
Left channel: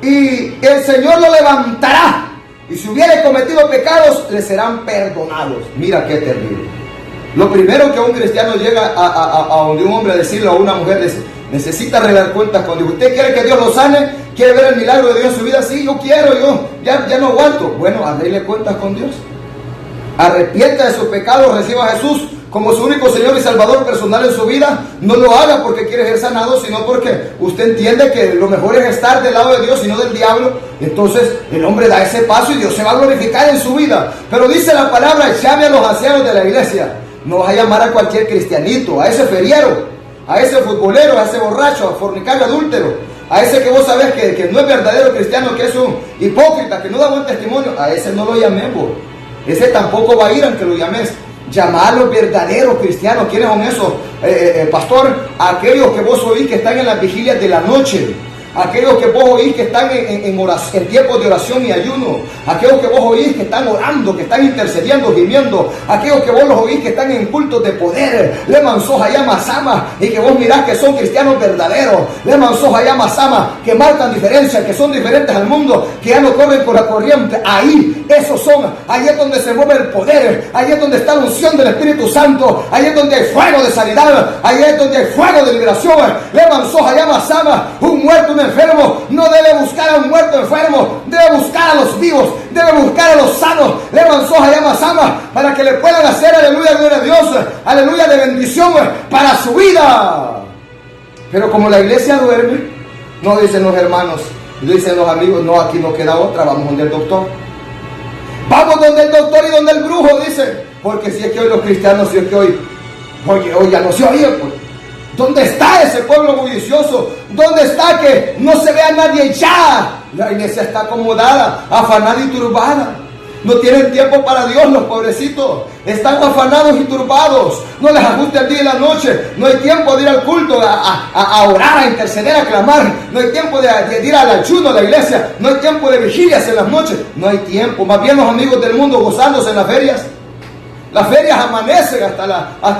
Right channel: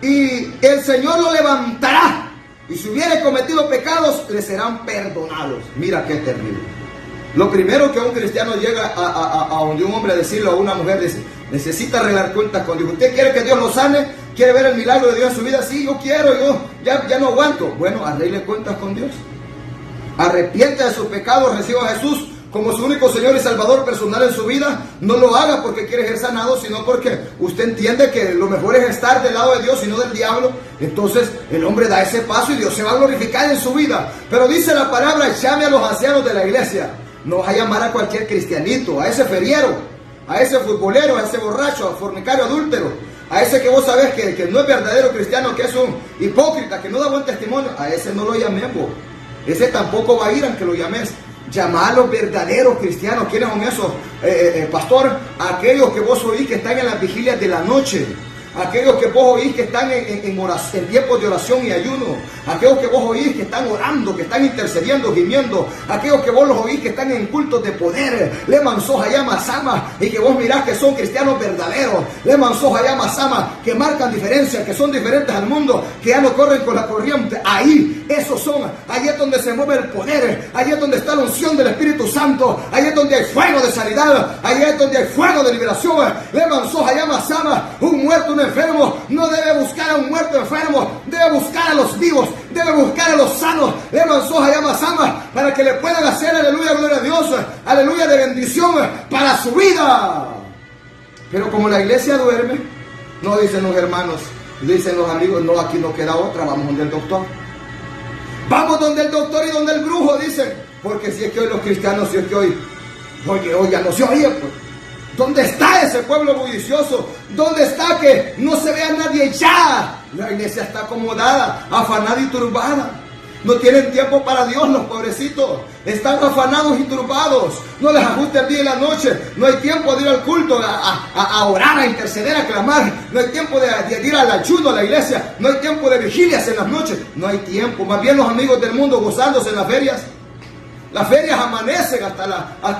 y el Señor lo levantará. Y si hubiere cometido pecados, le serán perdonados. Mira qué terrible. Lo primero que un cristiano llega a donde un hombre a decirle, a una mujer, necesita arreglar cuentas con Dios. ¿Usted quiere que Dios lo sane? ¿Quiere ver el milagro de Dios en su vida? Sí, yo quiero, yo ya no aguanto. Bueno, arregle cuentas con Dios. Arrepienta de sus pecados, reciba a Jesús como su único Señor y Salvador personal en su vida. No lo haga porque quiere ser sanado, sino porque usted entiende que lo mejor es estar del lado de Dios y no del diablo. Entonces el hombre da ese paso y Dios se va a glorificar en su vida. Pero dice la palabra: llame a los ancianos de la iglesia. No vas a llamar a cualquier cristianito, a ese feriero, a ese futbolero, a ese borracho, a fornicario, adúltero, a ese que vos sabés que no es verdadero cristiano, que es un hipócrita, que no da buen testimonio. A ese no lo llamemos. Ese tampoco va a ir aunque lo llames. Llamar a los verdaderos cristianos. ¿Quiénes son esos? Pastor, aquellos que vos oís que están en las vigilias de la noche. Aquellos que vos oís que están en tiempos de oración y ayuno. Aquellos que vos oís que están orando, que están intercediendo, gimiendo. Aquellos que vos los oís que están en cultos de poder. Leman soja llama sama. Y que vos mirás que son cristianos verdaderos. Leman soja llama sama. Que marcan diferencia, que son diferentes al mundo. Que ya no corren con la corriente. Ahí, esos son. Ahí es donde se mueve el poder. Ahí es donde está la unción del Espíritu Santo. Ahí es donde hay fuego de sanidad. Ahí es donde hay fuego de liberación. Leman soja llama sama. Un muerto, un enfermo no debe buscar a un muerto enfermo, debe buscar a los vivos, debe buscar a los sanos. Levan soja llama sama, para que le puedan hacer, aleluya, gloria a Dios, aleluya, de bendición para su vida. Pero como la iglesia duerme, no dicen los hermanos, dicen los amigos: no, aquí no queda otra, vamos donde el doctor. Vamos donde el doctor y donde el brujo, dicen. Porque si es que hoy los cristianos, si es que hoy ya no se oye, pues. ¿Dónde está ese pueblo bullicioso? ¿Dónde está que no se vea nadie ya? La iglesia está acomodada, afanada y turbada. No tienen tiempo para Dios los pobrecitos. Están afanados y turbados. No les ajusta el día y la noche. No hay tiempo de ir al culto, a orar, a interceder, a clamar. No hay tiempo de ir al ayuno a la iglesia. No hay tiempo de vigilias en las noches. No hay tiempo. Más bien los amigos del mundo gozándose en las ferias. Las ferias amanecen hasta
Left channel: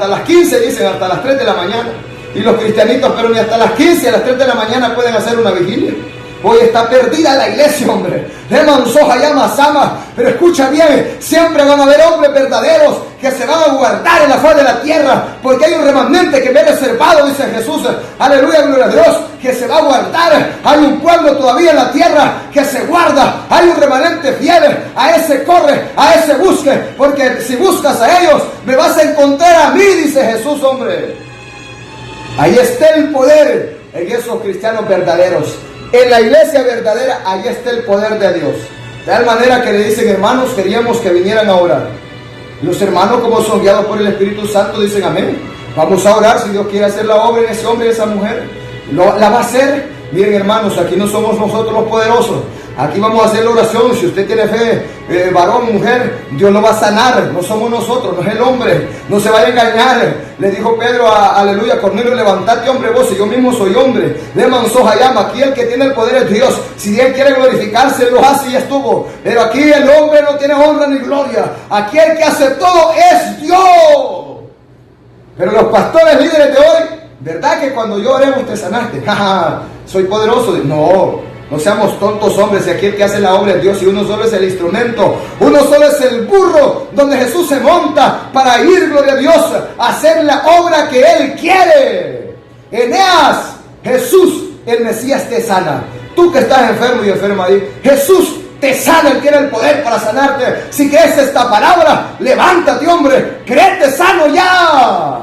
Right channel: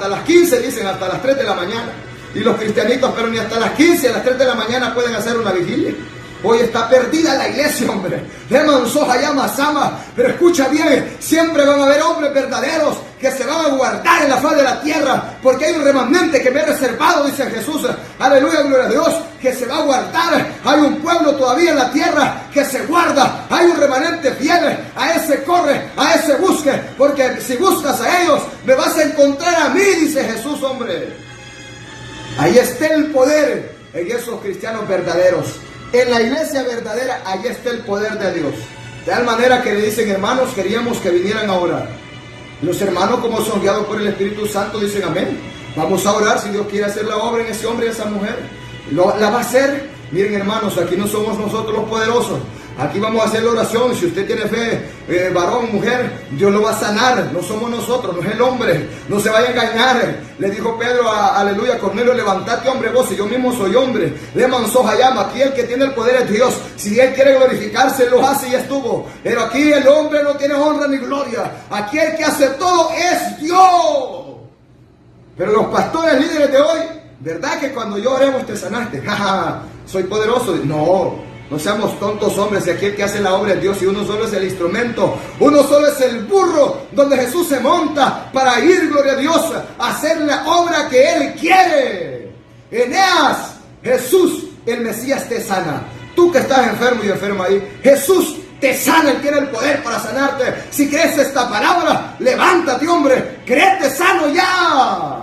las 15, dicen, hasta las 3 de la mañana. Y los cristianitos, pero ni hasta las 15, a las 3 de la mañana pueden hacer una vigilia. Hoy está perdida la iglesia, hombre. Leman soja llama sama. Pero escucha bien, siempre van a haber hombres verdaderos que se van a guardar en la faz de la tierra, porque hay un remanente que me he reservado, dice Jesús. Aleluya, gloria a Dios, que se va a guardar. Hay un pueblo todavía en la tierra que se guarda. Hay un remanente fiel. A ese corre, a ese busque, porque si buscas a ellos, me vas a encontrar a mí, dice Jesús, hombre. Ahí está el poder en esos cristianos verdaderos. En la iglesia verdadera, ahí está el poder de Dios. De tal manera que le dicen: hermanos, queríamos que vinieran a orar. Los hermanos, como son guiados por el Espíritu Santo, dicen amén. Vamos a orar si Dios quiere hacer la obra en ese hombre y esa mujer. La va a hacer. Miren, hermanos, aquí no somos nosotros los poderosos. Aquí vamos a hacer la oración. Si usted tiene fe, varón, mujer, Dios lo va a sanar. No somos nosotros, no es el hombre. No se vaya a engañar. Le dijo Pedro, aleluya, Cornelio, levantate, hombre, vos, y yo mismo soy hombre. Le manzó llama. Aquí el que tiene el poder es Dios. Si Él quiere glorificarse, lo hace y estuvo. Pero aquí el hombre no tiene honra ni gloria. Aquí el que hace todo es Dios. Pero los pastores líderes de hoy, ¿verdad que cuando yo oremos te sanaste? Soy poderoso. No seamos tontos, hombres. Y aquí el que hace la obra es Dios, y uno solo es el instrumento. Uno solo es el burro donde Jesús se monta para ir, gloria a Dios, a hacer la obra que Él quiere. Eneas, Jesús, el Mesías, te sana. Tú que estás enfermo y enferma ahí, Jesús te sana. Él tiene el poder para sanarte. Si crees esta palabra, levántate, hombre, créete sano ya.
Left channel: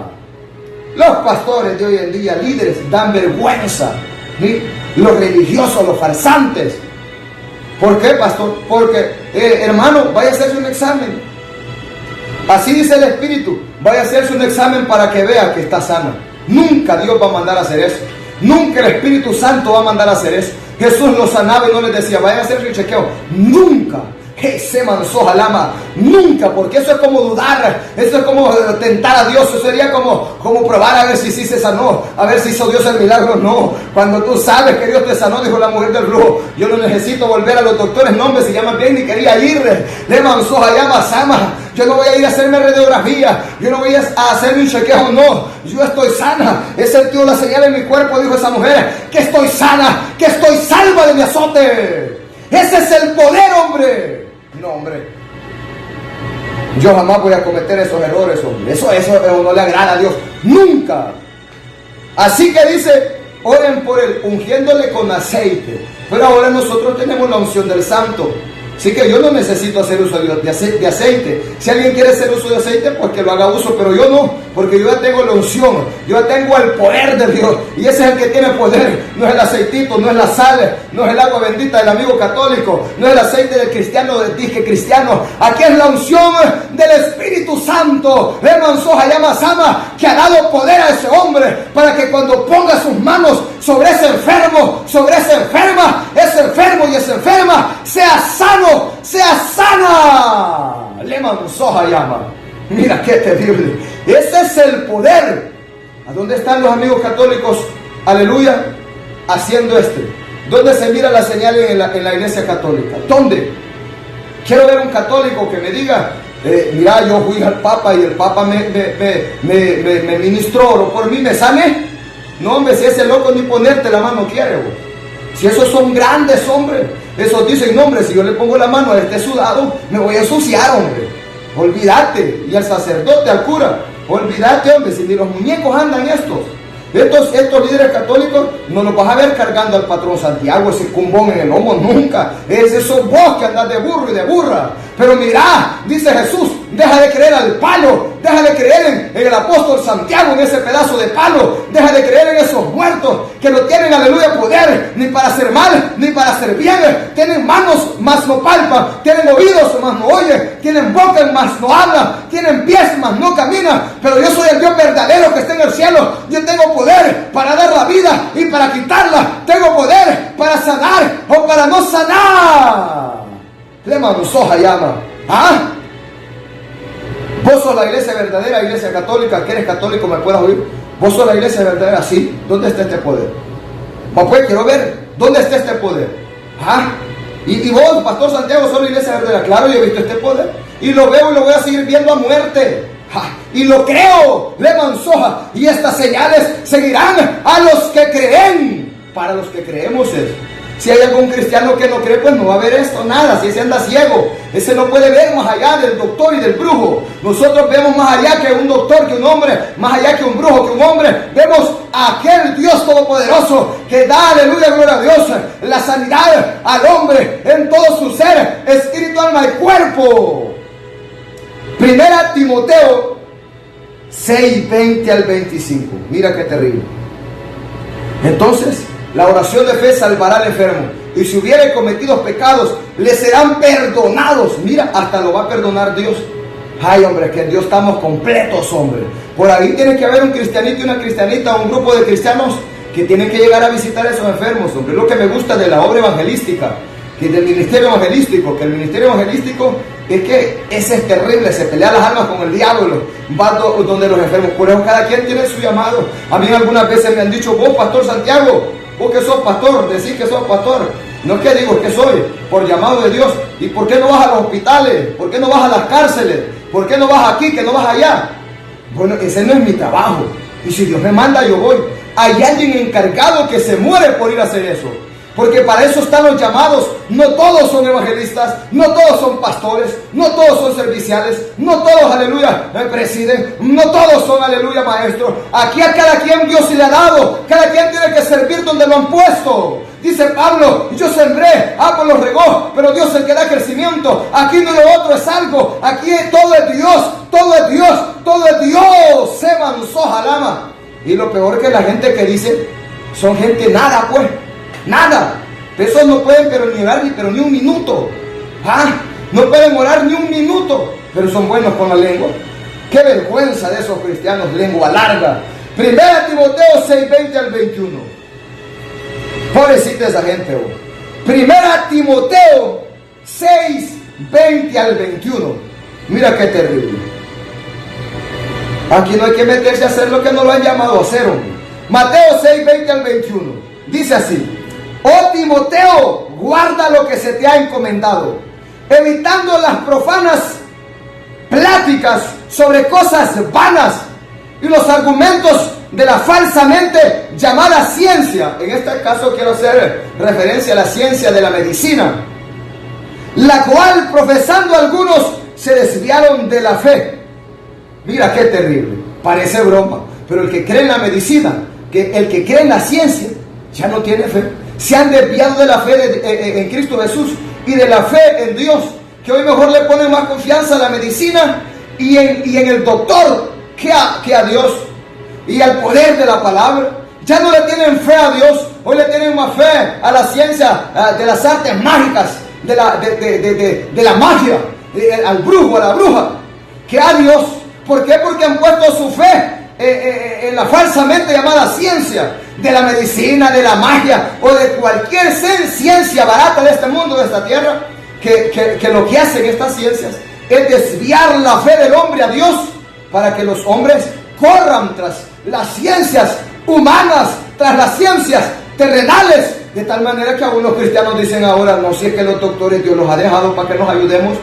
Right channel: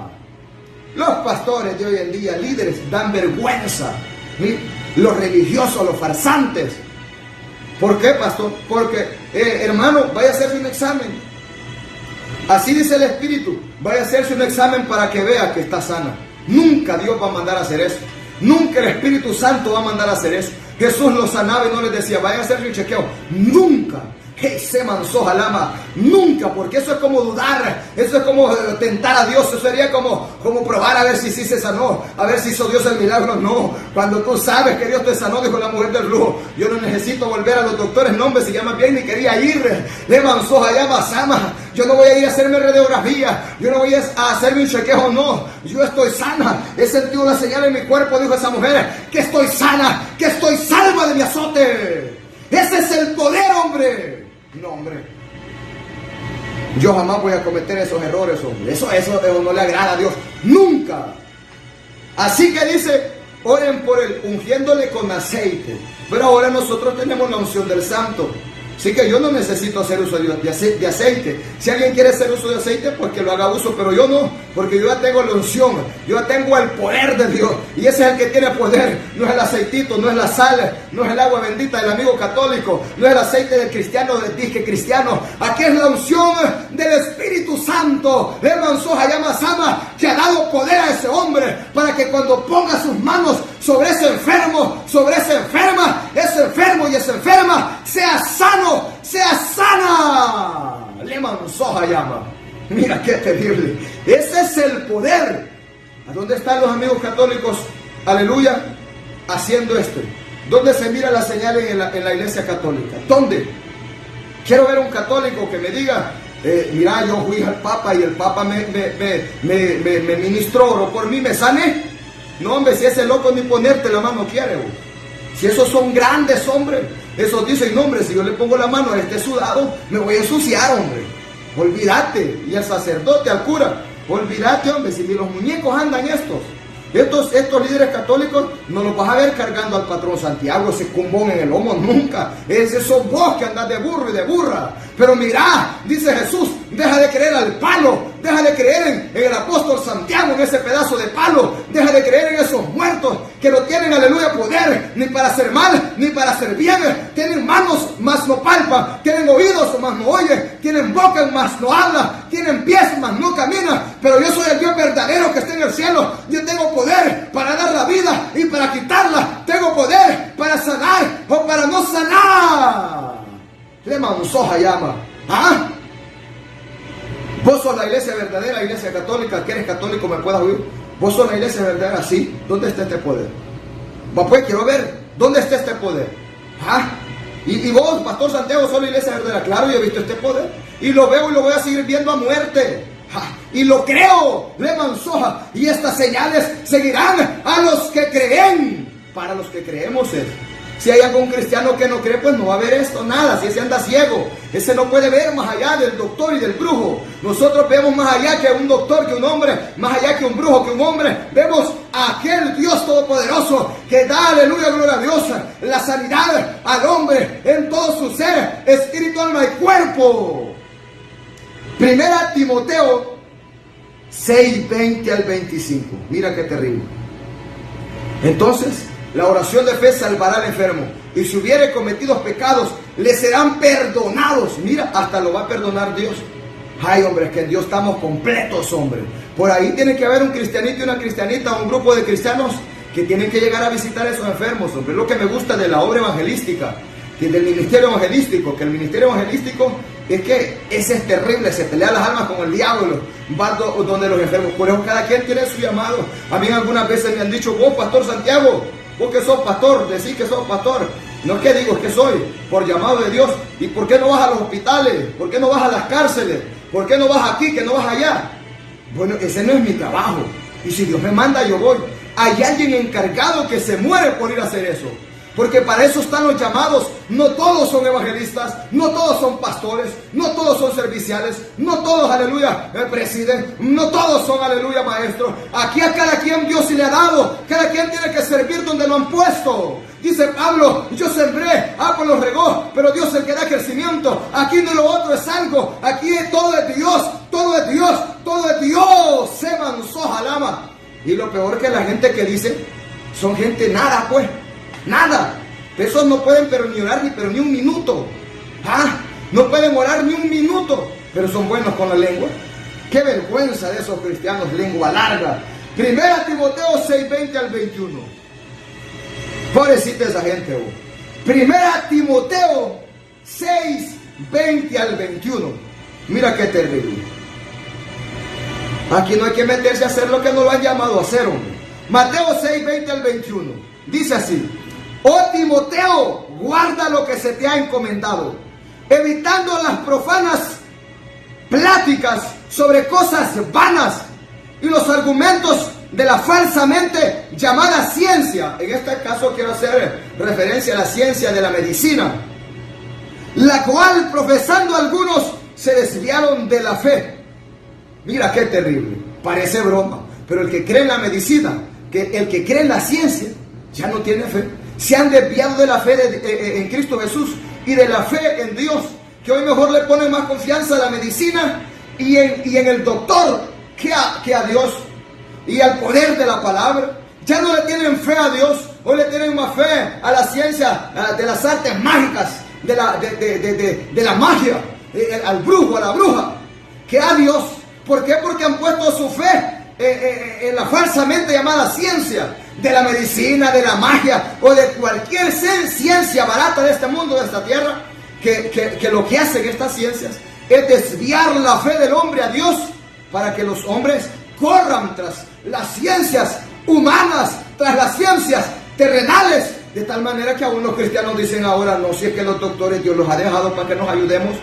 Los pastores de hoy en día, líderes, dan vergüenza. ¿Sí? Los religiosos, los farsantes. ¿Por qué, pastor? Porque, hermano, vaya a hacerse un examen. Así dice el Espíritu. Vaya a hacerse un examen para que vea que está sana. Nunca Dios va a mandar a hacer eso. Nunca el Espíritu Santo va a mandar a hacer eso. Jesús los sanaba y no les decía, vaya a hacerse un chequeo. Nunca. Se manzó jalama. Nunca, porque eso es como dudar. Eso es como tentar a Dios. Eso sería como probar a ver si sí se sanó, a ver si hizo Dios el milagro. No, cuando tú sabes que Dios te sanó, dijo la mujer del flujo, yo no necesito volver a los doctores. No, hombre, si llaman bien, ni quería ir. Le manzó jalama sama. Yo no voy a ir a hacerme radiografía, yo no voy a hacerme un chequeo. No, yo estoy sana. He sentido la señal en mi cuerpo, dijo esa mujer, que estoy sana, que estoy salva de mi azote. Ese es el poder, hombre. No, hombre, yo jamás voy a cometer esos errores, hombre. Eso no le agrada a Dios, nunca. Así que dice, oren por él, ungiéndole con aceite. Pero ahora nosotros tenemos la unción del Santo. Así que yo no necesito hacer uso de aceite. Si alguien quiere hacer uso de aceite, pues que lo haga uso, pero yo no, porque yo ya tengo la unción, yo ya tengo el poder de Dios, y ese es el que tiene poder. No es el aceitito, no es la sal, no es el agua bendita del amigo católico, no es el aceite del cristiano, del disque cristiano. Aquí es la unción del Espíritu Santo. Hermano Sohayama Sama, que ha dado poder a ese hombre para que cuando ponga sus manos sobre ese enfermo, sobre esa enferma, ese enfermo y esa enferma sea sano, sea sana. Leman Sohayama. Mira qué terrible. Ese es el poder. ¿A dónde están los amigos católicos? Aleluya. Haciendo ¿Dónde se mira la señal en la iglesia católica? ¿Dónde? Quiero ver un católico que me diga, mira, yo fui al Papa y el Papa me ministró, por mí me sané. No, hombre, si ese loco ni ponerte la mano quiere, vos. Si esos son grandes, hombre, esos dicen, no, hombre, si yo le pongo la mano a este sudado, me voy a ensuciar, hombre. Olvídate. Y al sacerdote, al cura, olvídate, hombre, si ni los muñecos andan estos líderes católicos, no los vas a ver cargando al patrón Santiago, ese cumbón en el lomo, nunca. Es esos vos que andas de burro y de burra. Pero mirá, dice Jesús, deja de creer al palo, deja de creer en el apóstol Santiago, en ese pedazo de palo, deja de creer en esos muertos que no tienen, aleluya, poder, ni para hacer mal, ni para hacer bien. Tienen manos, mas no palpan, tienen oídos, mas no oyen, tienen boca, mas no hablan, tienen pies, mas no caminan. Pero yo soy el Dios verdadero que está en el cielo. Yo tengo poder para dar la vida y para quitarla. Tengo poder para sanar o para no sanar. Le manzoja llama. ¿Ah? Vos sos la iglesia verdadera, iglesia católica, que eres católico, me puedas oír. Vos sos la iglesia verdadera, sí. ¿Dónde está este poder? Pues quiero ver, ¿dónde está este poder? ¿Ah? Y vos, Pastor Santiago, sos la iglesia verdadera. Claro, yo he visto este poder. Y lo veo y lo voy a seguir viendo a muerte. Y lo creo, le manzoja. Y estas señales seguirán a los que creen. Para los que creemos es. Si hay algún cristiano que no cree, pues no va a ver esto, nada. Si ese anda ciego, ese no puede ver más allá del doctor y del brujo. Nosotros vemos más allá que un doctor, que un hombre, más allá que un brujo, que un hombre. Vemos a aquel Dios todopoderoso que da, aleluya, gloria a Dios, la sanidad al hombre en todo su ser, espíritu, alma y cuerpo. Primera Timoteo 6, 20 al 25. Mira qué terrible. Entonces, la oración de fe salvará al enfermo, y si hubiere cometido pecados, le serán perdonados. Mira, hasta lo va a perdonar Dios. Ay, hombre, que en Dios estamos completos, hombre. Por ahí tiene que haber un cristianito y una cristianita, un grupo de cristianos que tienen que llegar a visitar a esos enfermos, hombre. Lo que me gusta de la obra evangelística, que del ministerio evangelístico, que el ministerio evangelístico es que ese es terrible, se pelea las almas con el diablo, va donde los enfermos. Por eso cada quien tiene su llamado. A mí algunas veces me han dicho, vos, Pastor Santiago, vos que sos pastor, decís que sos pastor. No es que digo que soy, por llamado de Dios. ¿Y por qué no vas a los hospitales? ¿Por qué no vas a las cárceles? ¿Por qué no vas aquí, que no vas allá? Bueno, ese no es mi trabajo. Y si Dios me manda, yo voy. Hay alguien encargado que se muere por ir a hacer eso. Porque para eso están los llamados. No todos son evangelistas, no todos son pastores, no todos son serviciales, no todos, aleluya, presiden, no todos son, aleluya, maestros. Aquí a cada quien Dios se le ha dado, cada quien tiene que servir donde lo han puesto. Dice Pablo, yo sembré, Apolo regó, pero Dios es el que da crecimiento. Aquí no lo otro es algo, aquí todo es Dios, todo es Dios, todo es Dios. Se manzó jalama. Y lo peor que la gente que dice, son gente nada, pues. Nada, esos no pueden pero ni orar pero ni un minuto. No pueden orar ni un minuto, pero son buenos con la lengua. Qué vergüenza de esos cristianos, lengua larga. Primera Timoteo 6:20 al 21. Pobrecita esa gente. Primera Timoteo 6:20 al 21. Mira qué terrible. Aquí no hay que meterse a hacer lo que no lo han llamado a hacer, hombre. Mateo 6:20 al 21. Dice así: oh Timoteo, guarda lo que se te ha encomendado, evitando las profanas pláticas sobre cosas vanas y los argumentos de la falsamente llamada ciencia. En este caso quiero hacer referencia a la ciencia de la medicina, la cual profesando algunos se desviaron de la fe. Mira qué terrible, parece broma, pero el que cree en la medicina, el que cree en la ciencia, ya no tiene fe. Se han desviado de la fe en Cristo Jesús y de la fe en Dios, que hoy mejor le ponen más confianza a la medicina y en el doctor que a Dios y al poder de la palabra. Ya no le tienen fe a Dios, hoy le tienen más fe a la ciencia de las artes mágicas, de la magia, al brujo, a la bruja, que a Dios. ¿Por qué? Porque han puesto su fe en la falsamente llamada ciencia de la medicina, de la magia o de cualquier ciencia barata de este mundo, de esta tierra, que lo que hacen estas ciencias es desviar la fe del hombre a Dios para que los hombres corran tras las ciencias humanas, tras las ciencias terrenales, de tal manera que algunos cristianos dicen ahora, no sé, que los doctores Dios los ha dejado para que nos ayudemos.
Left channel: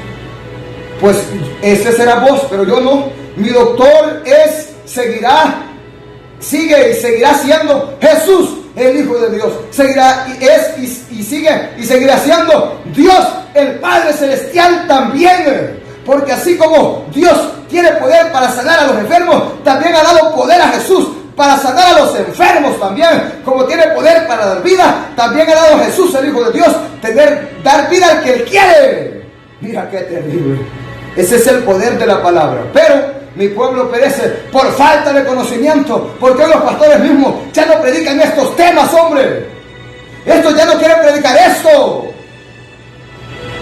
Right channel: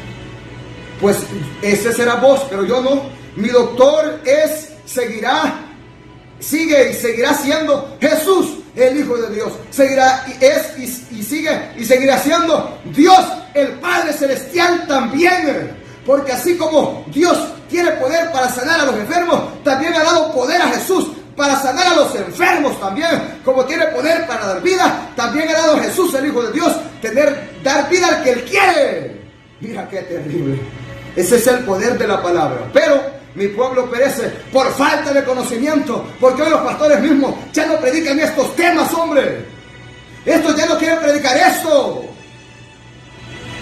Pues ese será vos, pero yo no. Mi doctor sigue y seguirá siendo Jesús, el Hijo de Dios. Seguirá y seguirá siendo Dios, el Padre Celestial también. Porque así como Dios tiene poder para sanar a los enfermos, también ha dado poder a Jesús para sanar a los enfermos también. Como tiene poder para dar vida, también ha dado a Jesús, el Hijo de Dios, dar vida al que Él quiere. Mira qué terrible. Ese es el poder de la palabra. Pero mi pueblo perece por falta de conocimiento, porque hoy los pastores mismos ya no predican estos temas, hombre. Estos ya no quieren predicar esto,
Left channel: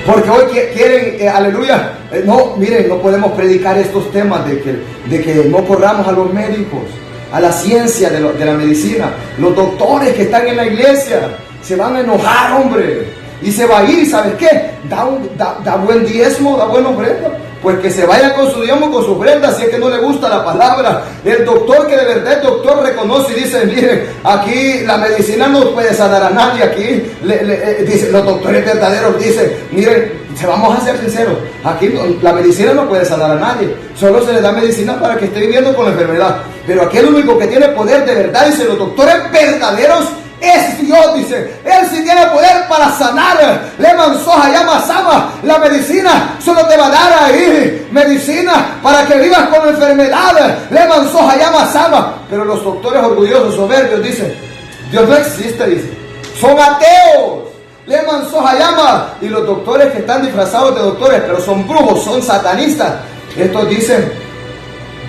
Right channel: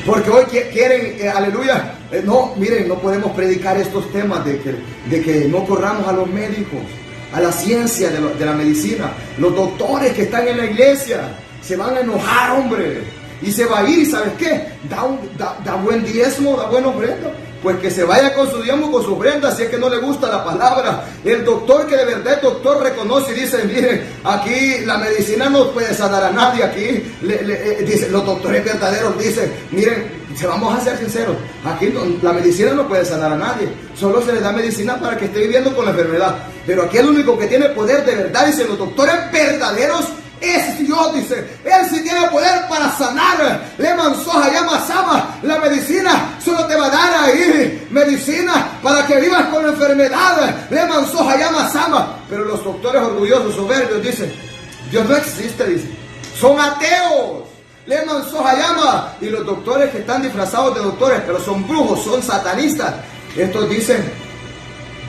porque hoy quieren, aleluya, no, miren, no podemos predicar estos temas de que no corramos a los médicos, a la ciencia de la medicina. Los doctores que están en la iglesia se van a enojar, hombre, y se va a ir. ¿Sabes qué? Da buen diezmo, da buena ofrenda. Pues que se vaya con su diezmo, con su ofrenda, si es que no le gusta la palabra. El doctor que de verdad el doctor reconoce y dice, miren, aquí la medicina no puede sanar a nadie. Aquí dice, los doctores verdaderos dicen, miren, vamos a ser sinceros, aquí la medicina no puede sanar a nadie, solo se le da medicina para que esté viviendo con la enfermedad. Pero aquí el único que tiene poder de verdad, dice, los doctores verdaderos es Dios, dice. Él sí tiene poder para sanar. Le mansoja, llama sama. La medicina solo te va a dar ahí medicina para que vivas con enfermedad. Le mansoja, llama sama. Pero los doctores orgullosos, soberbios, dicen, Dios no existe, dice. Son ateos. Le mansoja, llama. Y los doctores que están disfrazados de doctores, pero son brujos, son satanistas, estos dicen,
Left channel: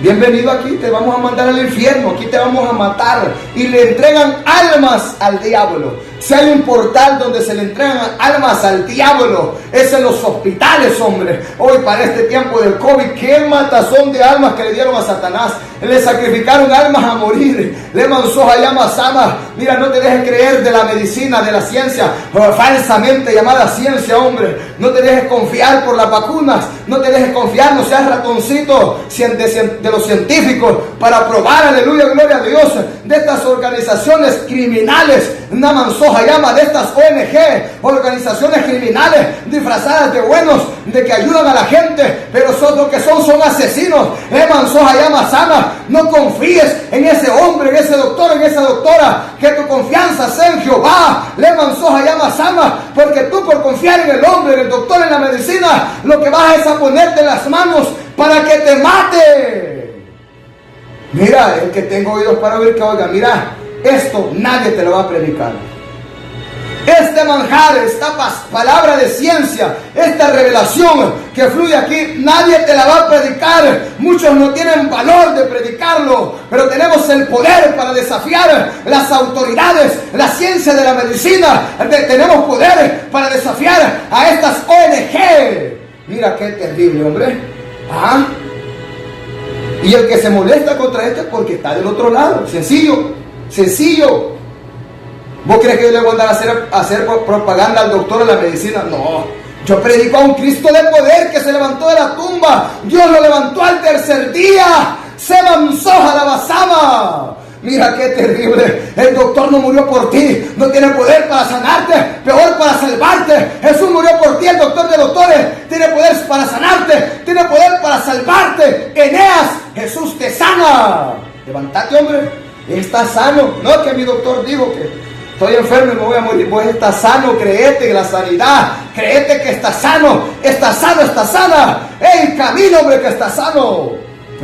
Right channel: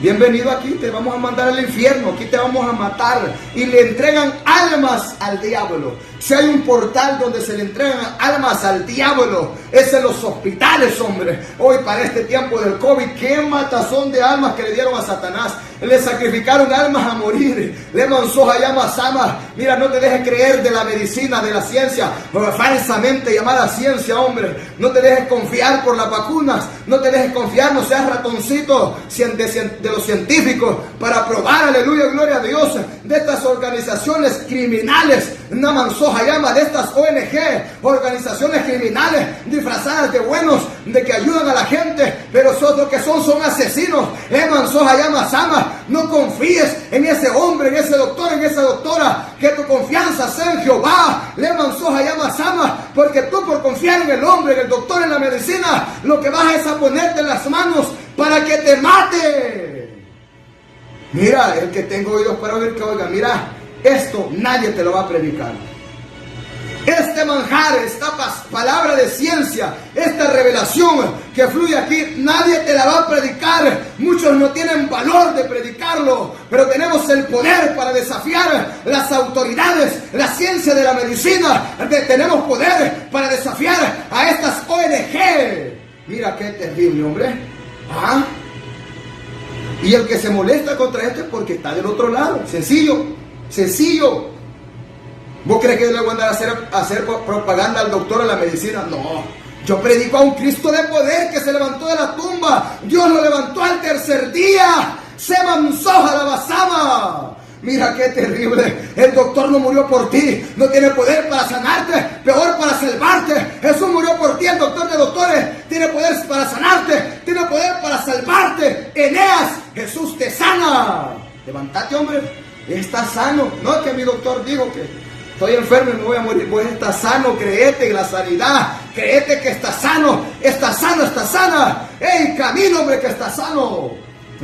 bienvenido aquí, te vamos a mandar al infierno, aquí te vamos a matar. Y le entregan almas al diablo. Si hay un portal donde se le entregan almas al diablo, es en los hospitales, hombre. Hoy para este tiempo del COVID, qué matazón de almas que le dieron a Satanás. Le sacrificaron almas a morir. Le manzó allá sama. Mira, no te dejes creer de la medicina, de la ciencia, falsamente llamada ciencia, hombre. No te dejes confiar por las vacunas. No te dejes confiar, no seas ratoncito de los científicos para probar, aleluya, gloria a Dios, de estas organizaciones criminales. Una manzoja llama de estas ONG, organizaciones criminales disfrazadas de buenos, de que ayudan a la gente, pero lo que son asesinos. Manzoja llama sana. No confíes en ese hombre, en ese doctor, en esa doctora, que tu confianza sea en Jehová. Le manzoja llama sama, porque tú por confiar en el hombre, en el doctor, en la medicina, lo que vas es a ponerte las manos para que te mate. Mira, el que tengo oídos para oír, que oiga. Mira, esto nadie te lo va a predicar. Este manjar, esta palabra de ciencia, esta revelación que fluye aquí, nadie te la va a predicar. Muchos no tienen valor de predicarlo, pero tenemos el poder para desafiar las autoridades, la ciencia de la medicina. Tenemos poder para desafiar a estas ONG. Mira qué terrible, hombre. ¿Ah? Y el que se molesta contra esto es porque está del otro lado. Sencillo, sencillo. ¿Vos crees que yo le voy a andar a hacer propaganda al doctor de la medicina? No. Yo predico a un Cristo de poder que se levantó de la tumba. Dios lo levantó al tercer día. Se manzoja la basama. Mira qué terrible. El doctor no murió por ti. No tiene poder para sanarte. Peor para salvarte. Jesús murió por ti. El doctor de doctores tiene poder para sanarte. Tiene poder para salvarte. Eneas, Jesús te sana. Levántate, hombre. Estás sano. No que mi doctor dijo que estoy enfermo y me voy a morir. Vos estás sano, créete en la sanidad. Créete que estás sano. Estás sano, estás sana. ¡Ey, camino, hombre, que estás sano!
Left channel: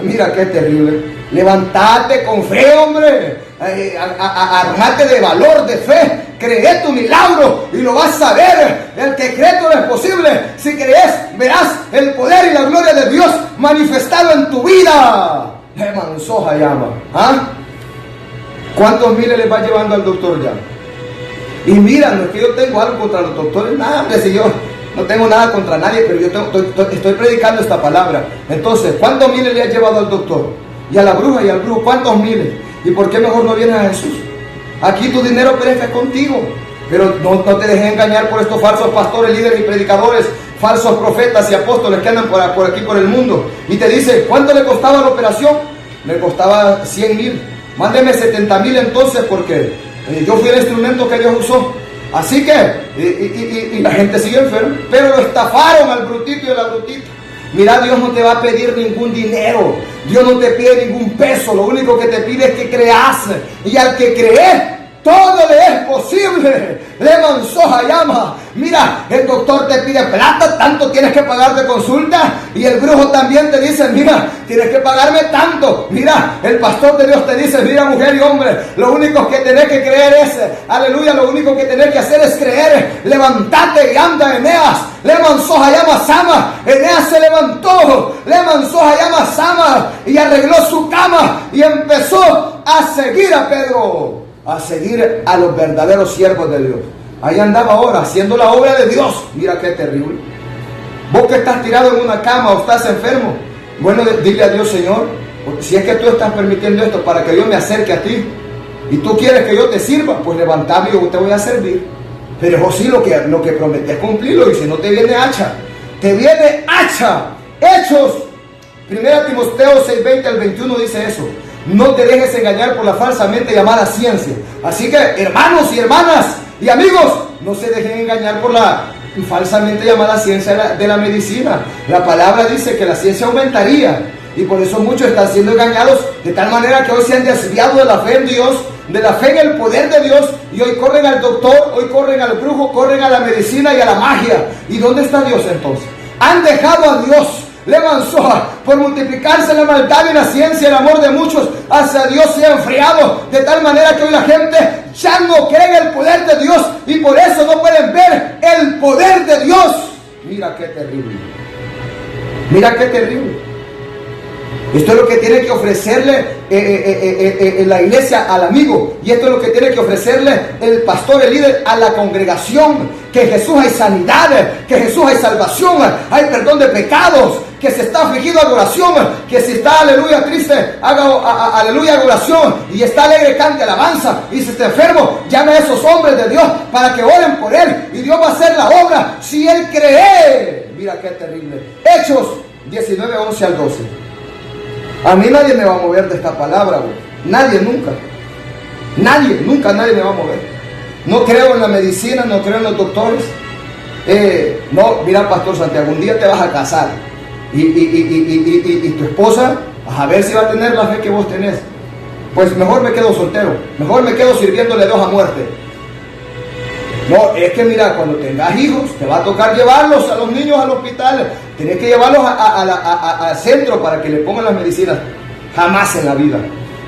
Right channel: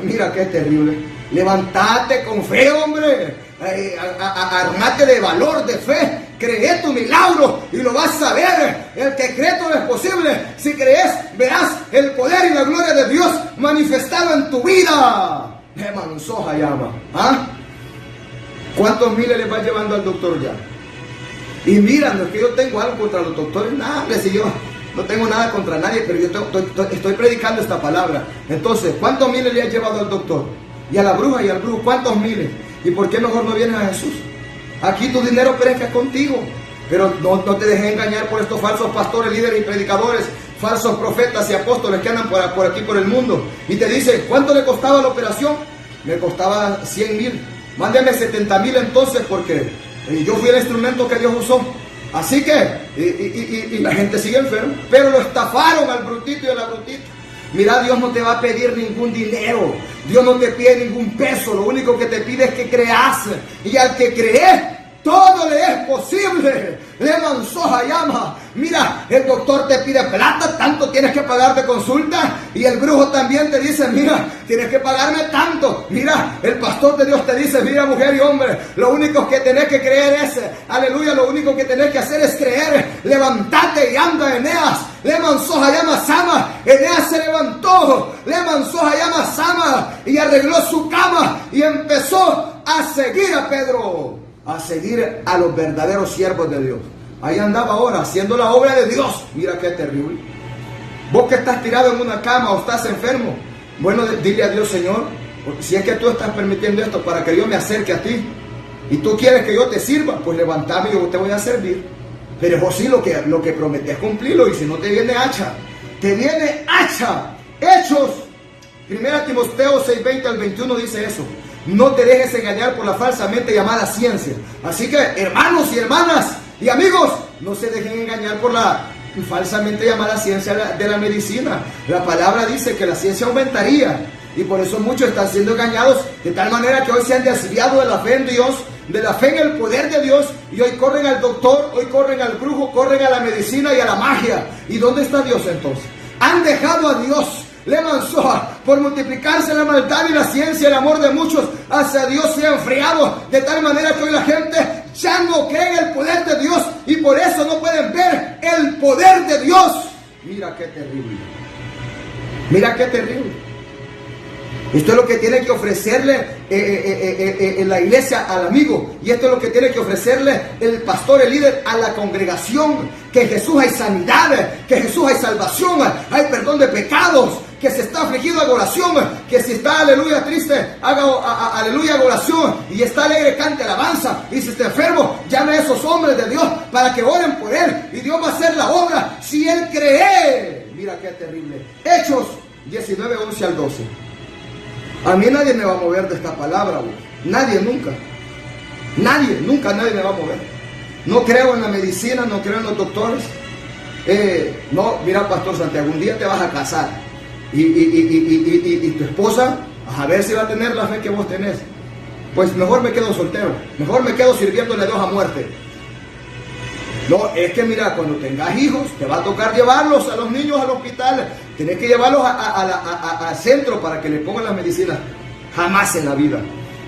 Mira qué terrible. Levántate con fe, hombre. Armate de valor, de fe. Cree tu milagro y lo vas a ver. El que cree todo es posible. Si crees, verás el poder y la gloria de Dios manifestado en tu vida. Manzoja llama. ¿Ah? ¿Cuántos miles les va llevando al doctor ya? Y mira, no es que yo tengo algo contra los doctores, nada, hombre, si yo no tengo nada contra nadie, pero yo estoy predicando esta palabra. Entonces, ¿cuántos miles le has llevado al doctor? Y a la bruja y al brujo, ¿cuántos miles? ¿Y por qué mejor no vienes a Jesús? Aquí tu dinero perece contigo, pero no te dejes engañar por estos falsos pastores, líderes y predicadores, falsos profetas y apóstoles que andan por aquí, por el mundo. Y te dice, ¿cuánto le costaba la operación? Me costaba 100,000. Mándeme 70,000 entonces, porque yo fui el instrumento que Dios usó. Así que, y la gente sigue enferma. Pero lo estafaron al brutito y a la brutita. Mira, Dios no te va a pedir ningún dinero. Dios no te pide ningún peso. Lo único que te pide es que creas. Y al que cree, todo le es posible. Le manzoja llama. Mira, el doctor te pide plata, tanto tienes que pagar de consulta. Y el brujo también te dice, mira, tienes que pagarme tanto. Mira, el pastor de Dios te dice, mira, mujer y hombre, lo único que tenés que creer es, aleluya, lo único que tenés que hacer es creer. Levántate y anda, Eneas. Le manzoja llama sama. Eneas se levantó. Le manzoja llama sama. Y arregló su cama. Y empezó a seguir a Pedro. A seguir a los verdaderos siervos de Dios. Ahí andaba ahora haciendo la obra de Dios. Mira qué terrible. Vos que estás tirado en una cama o estás enfermo, bueno, dile a Dios, Señor, si es que tú estás permitiendo esto para que yo me acerque a ti y tú quieres que yo te sirva, pues levantame y yo te voy a servir. Pero vos sí lo que prometes cumplirlo, y si no te viene hacha. Te viene hacha. Hechos 1 Timoteo 6:20 al 21 dice eso. No te dejes engañar por la falsamente llamada ciencia. Así que, hermanos y hermanas y amigos, no se dejen engañar por la falsamente llamada ciencia de la medicina. La palabra dice que la ciencia aumentaría, y por eso muchos están siendo engañados de tal manera que hoy se han desviado de la fe en Dios, de la fe en el poder de Dios, y hoy corren al doctor, hoy corren al brujo, corren a la medicina y a la magia. ¿Y dónde está Dios entonces? Han dejado a Dios. Le manzó por multiplicarse la maldad y la ciencia y el amor de muchos hacia Dios se ha enfriado, de tal manera que hoy la gente ya no cree en el poder de Dios y por eso no pueden ver el poder de Dios. Mira qué terrible. Mira qué terrible. Esto es lo que tiene que ofrecerle la iglesia al amigo. Y esto es lo que tiene que ofrecerle el pastor, el líder, a la congregación. Que en Jesús hay sanidad, que en Jesús hay salvación, hay perdón de pecados. Que si está afligido, haga oración. Que si está, aleluya, triste, haga aleluya, oración. Y está alegre, cante alabanza. Y si está enfermo, llame a esos hombres de Dios para que oren por él. Y Dios va a hacer la obra si él cree. Mira qué terrible. Hechos 19, 11 al 12. A mí nadie me va a mover de esta palabra, güey. Nadie, nunca. Nadie me va a mover. No creo en la medicina, no creo en los doctores. No, mira, Pastor Santiago, un día te vas a casar. Y tu esposa, a ver si va a tener la fe que vos tenés. Pues mejor me quedo soltero. Mejor me quedo sirviéndole Dios a muerte. No, es que mira, cuando tengas hijos, te va a tocar llevarlos a los niños al hospital. Tienes que llevarlos al centro para que le pongan las medicinas. Jamás en la vida.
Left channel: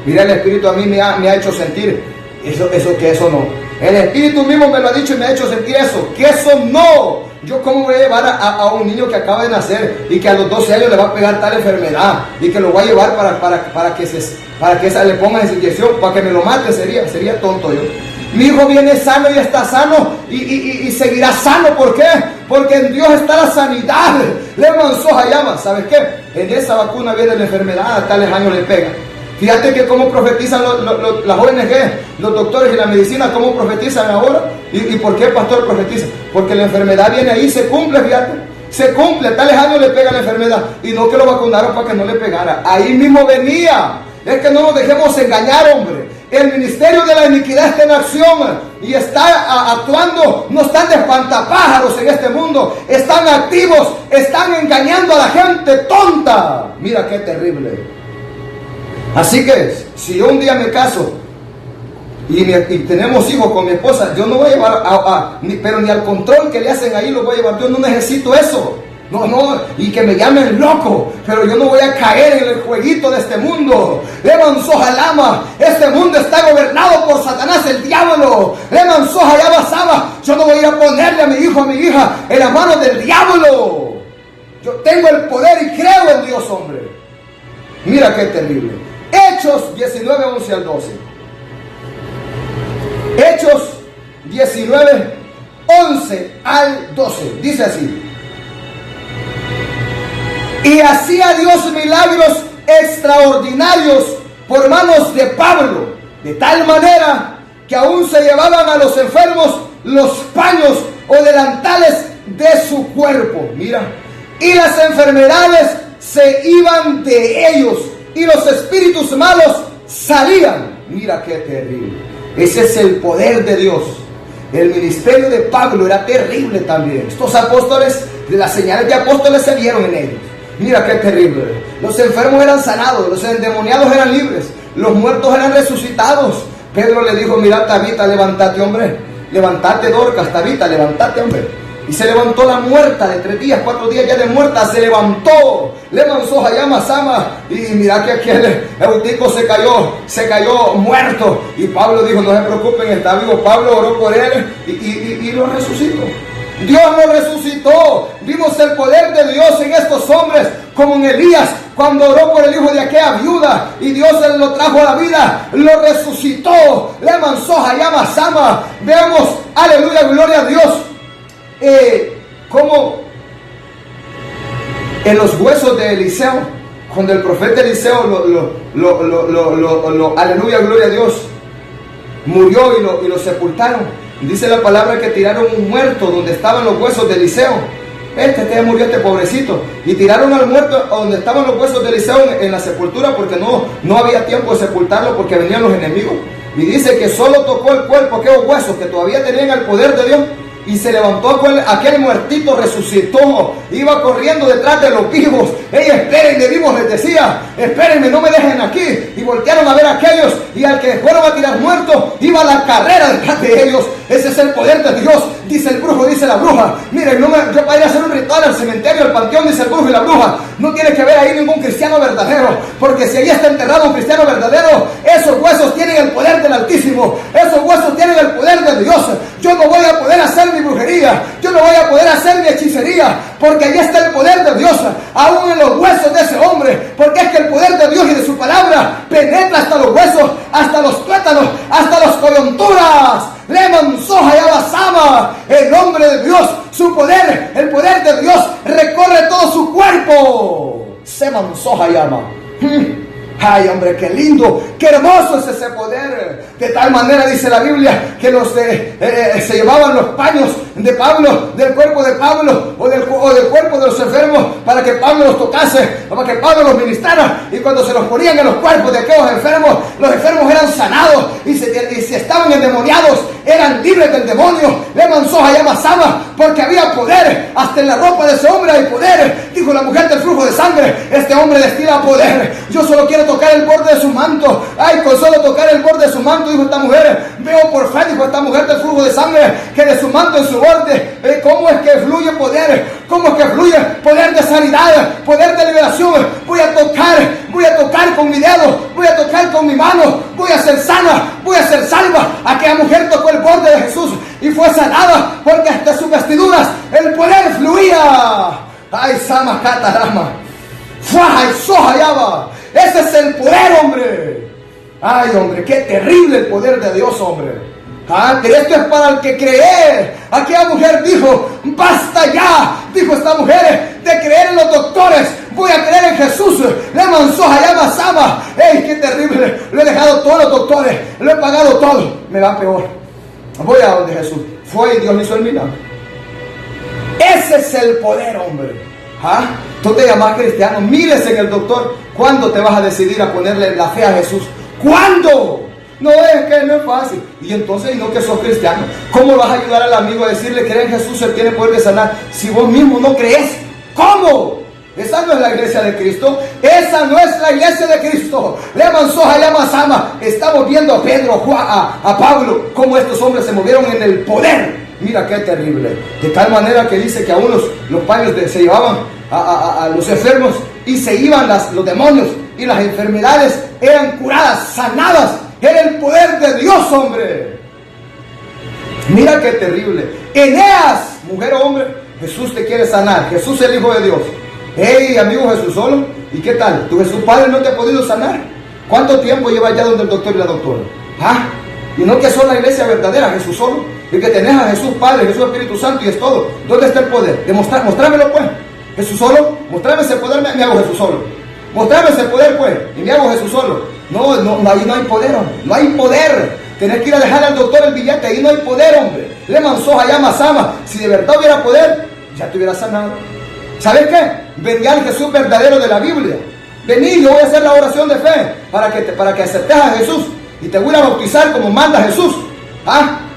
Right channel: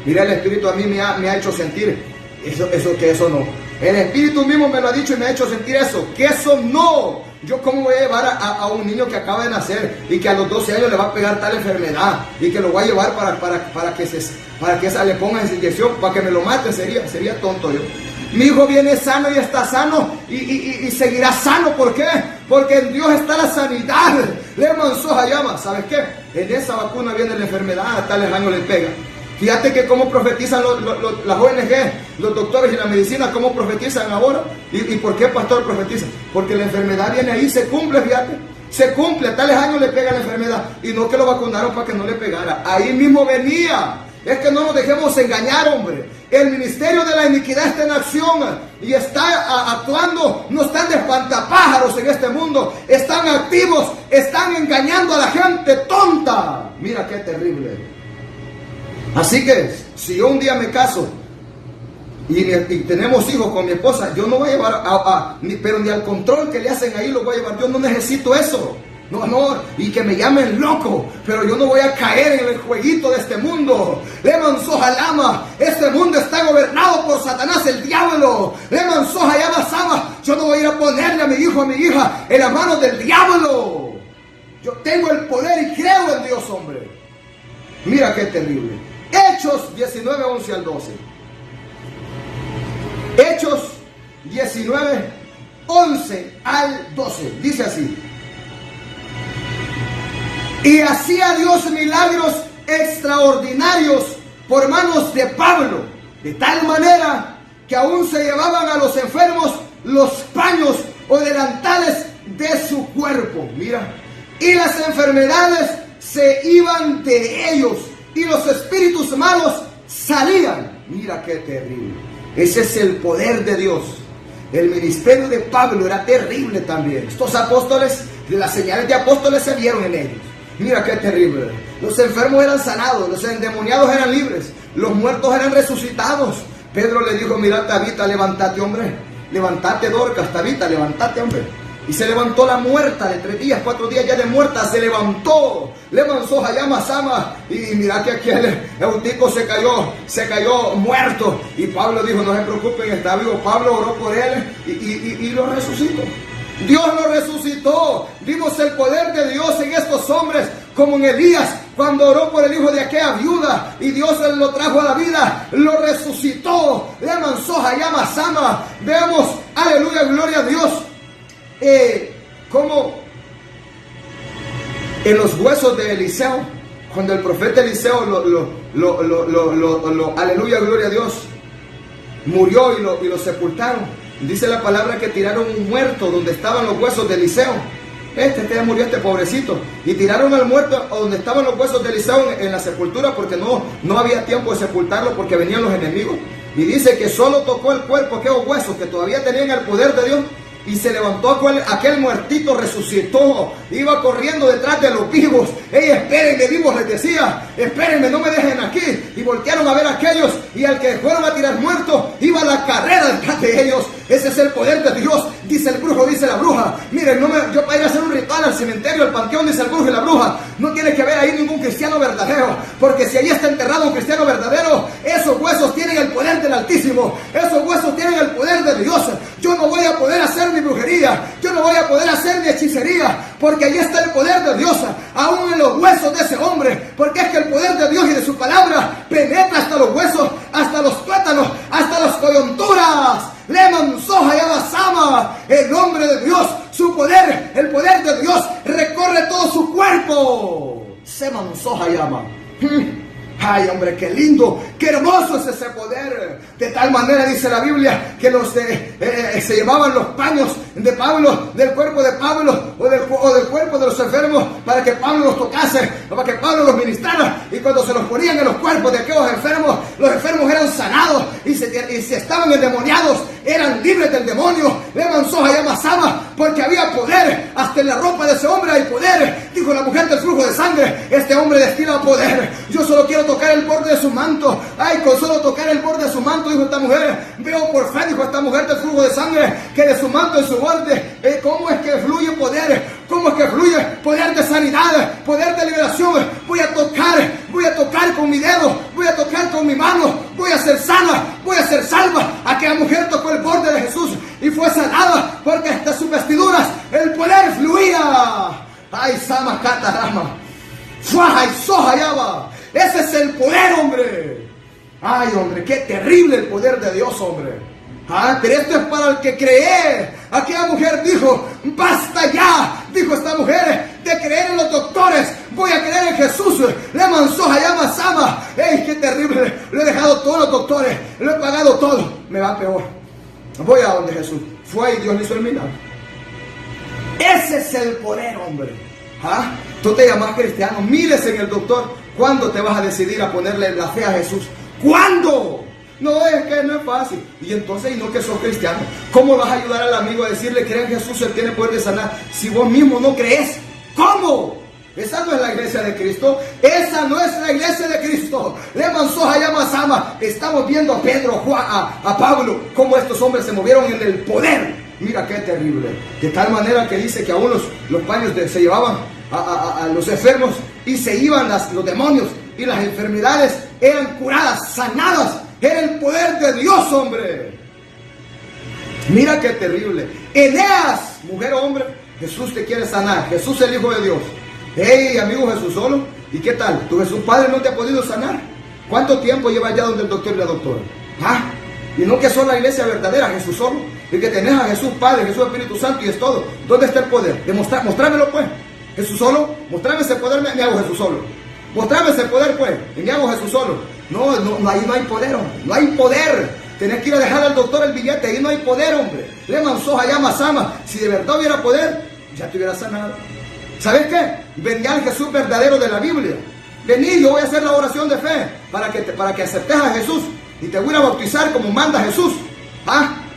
Mira, el Espíritu a mí me ha hecho sentir eso no. El Espíritu mismo me lo ha dicho y me ha hecho sentir eso. Que eso no. Yo cómo voy a llevar a un niño que acaba de nacer y que a los 12 años le va a pegar tal enfermedad y que lo voy a llevar para que le pongan esa inyección, para que me lo mate, sería tonto yo. Mi hijo viene sano y está sano y seguirá sano. ¿Por qué? Porque en Dios está la sanidad. Le manzó a llama. ¿Sabes qué? En esa vacuna viene la enfermedad, a tales años le pega. Fíjate que cómo profetizan las ONG, los doctores y la medicina, cómo profetizan ahora. ¿Y por qué, pastor, profetiza? Porque la enfermedad viene ahí, se cumple, fíjate. Se cumple, a tales años le pega la enfermedad. Y no que lo vacunaron para que no le pegara. Ahí mismo venía. Es que no nos dejemos engañar, hombre. El ministerio de la iniquidad está en acción y está actuando. No están de espantapájaros en este mundo. Están activos, están engañando a la gente tonta. Mira qué terrible. Así que si yo un día me caso y tenemos hijos con mi esposa, yo no voy a llevar pero ni al control que le hacen ahí lo voy a llevar. Yo no necesito eso. No, y que me llamen loco, pero yo no voy a caer en el jueguito de este mundo. Leman Sojalama, este mundo está gobernado por Satanás, el diablo. Leman Sojalama Sama, yo no voy a ir a ponerle a mi hijo, a mi hija en las manos del diablo. Yo tengo el poder y creo en Dios, hombre. Mira qué terrible. Hechos 19, 11 al 12. Hechos 19, 11 al 12. Dice así. Y hacía Dios milagros extraordinarios por manos de Pablo, de tal manera que aún se llevaban a los enfermos los paños o delantales de su cuerpo. Mira, y las enfermedades se iban de ellos y los espíritus malos salían. Mira qué terrible. Ese es el poder de Dios. El ministerio de Pablo era terrible también. Estos apóstoles, las señales de apóstoles se vieron en ellos. Mira qué terrible. Los enfermos eran sanados, los endemoniados eran libres, los muertos eran resucitados. Pedro le dijo, mira, Tabita, levántate, hombre. Levántate, Dorcas, Tabita, levántate, hombre. Y se levantó la muerta de 3 días, 4 días ya de muerta, se levantó. Levantó Hayama Sama. Y mira que aquí el Eutico se cayó muerto. Y Pablo dijo, no se preocupen, está vivo. Pablo oró por él y lo resucitó. Dios lo resucitó. Vimos el poder de Dios en estos hombres, como en Elías, cuando oró por el hijo de aquella viuda y Dios lo trajo a la vida, lo resucitó. Le manzó Hayama Sama. Veamos, aleluya, gloria a Dios. Como en los huesos de Eliseo, cuando el profeta Eliseo aleluya, gloria a Dios, murió y lo sepultaron. Dice la palabra que tiraron un muerto donde estaban los huesos de Eliseo. Murió este pobrecito. Y tiraron al muerto donde estaban los huesos de Eliseo en la sepultura, porque no había tiempo de sepultarlo porque venían los enemigos. Y dice que solo tocó el cuerpo, aquellos huesos que todavía tenían el poder de Dios. Y se levantó aquel muertito, resucitó, iba corriendo detrás de los vivos. Espérenme, vivos, les decía, espérenme, no me dejen aquí. Y voltearon a ver a aquellos, y al que fueron a tirar muerto, iba a la carrera detrás de ellos. Ese es el poder de Dios, dice el brujo, dice la bruja. Miren, yo para ir a hacer un ritual al cementerio, al panteón, dice el brujo y la bruja, no tiene que haber ahí ningún cristiano verdadero, porque si ahí está enterrado un cristiano verdadero, esos huesos tienen el poder del Altísimo, esos huesos tienen el poder de Dios. Yo no voy a poder hacer mi brujería, yo no voy a poder hacer mi hechicería, porque ahí está el poder de Dios, aún en los huesos de ese hombre, porque es que el poder de Dios y de su palabra penetra hasta los huesos, hasta los tuétanos, hasta las coyunturas. Leman soja y abasama, el nombre de Dios, su poder, el poder de Dios recorre todo su cuerpo. Seman soja y ama. Ay, hombre, qué lindo, qué hermoso es ese poder. De tal manera dice la Biblia que se llevaban los paños de Pablo, del cuerpo de Pablo o del cuerpo de los enfermos, para que Pablo los tocase, o para que Pablo los ministrara. Y cuando se los ponían en los cuerpos de aquellos enfermos, los enfermos eran sanados, y si estaban endemoniados, eran libres del demonio. Le mansoja y amasaba, porque había poder. Hasta en la ropa de ese hombre hay poder. Dijo la mujer del flujo de sangre: este hombre destila poder. Yo solo quiero tocar el borde de su manto. Ay, con solo tocar el borde de su manto, dijo esta mujer, veo por fe, dijo esta mujer del flujo de sangre, que de su manto en su borde, ¿cómo es que fluye poder? ¿Cómo es que fluye poder de sanidad, poder de liberación? Voy a tocar con mi dedo, voy a tocar con mi mano, voy a ser sana, voy a ser salva. Aquella mujer tocó el borde de Jesús y fue sanada, porque hasta sus vestiduras el poder fluía. Ay, sama catarama, fuaja y soja yaba. Ese es el poder, hombre. Ay, hombre, qué terrible el poder de Dios, hombre. Pero esto es para el que cree. Aquella mujer dijo: basta ya, dijo esta mujer, de creer en los doctores. Voy a creer en Jesús. Le mansoja y amasaba. ¡Ey, qué terrible! Le he dejado todos los doctores, le he pagado todo. Me va peor. Voy a donde Jesús. Fue y Dios me hizo el milagro. Ese es el poder, hombre. Tú te llamas cristiano, mires en el doctor. ¿Cuándo te vas a decidir a ponerle la fe a Jesús? ¿Cuándo? No, es que no es fácil. Y entonces, y no que sos cristiano, ¿cómo vas a ayudar al amigo a decirle: cree en Jesús, Él tiene poder de sanar, si vos mismo no crees? ¿Cómo? Esa no es la iglesia de Cristo. Esa no es la iglesia de Cristo. Le mansoja y amasama. Estamos viendo a Pedro, a Pablo, cómo estos hombres se movieron en el poder. Mira qué terrible. De tal manera que dice que aún los paños se llevaban a los enfermos, y se iban los demonios, y las enfermedades eran curadas, sanadas. Era el poder de Dios, hombre. Mira qué terrible. Eneas, mujer o hombre, Jesús te quiere sanar. Jesús es el Hijo de Dios. Hey, amigo, Jesús solo. ¿Y qué tal? ¿Tu Jesús Padre no te ha podido sanar? ¿Cuánto tiempo lleva ya donde el doctor y la doctora? Y no que son la iglesia verdadera, Jesús solo. Y que tenés a Jesús Padre, Jesús Espíritu Santo, y es todo. ¿Dónde está el poder? Mostrámelo, pues. Jesús solo. Mostrame ese poder, me hago Jesús solo. Mostrame ese poder, pues, y me hago Jesús solo. No, ahí no hay poder, hombre. No hay poder. Tenés que ir a dejar al doctor el billete. Ahí no hay poder, hombre. Le mansoja ya masama. Si de verdad hubiera poder, ya te hubiera sanado. ¿Sabes qué? Vení al Jesús verdadero de la Biblia. Vení, yo voy a hacer la oración de fe para que aceptes a Jesús, y te voy a bautizar como manda Jesús.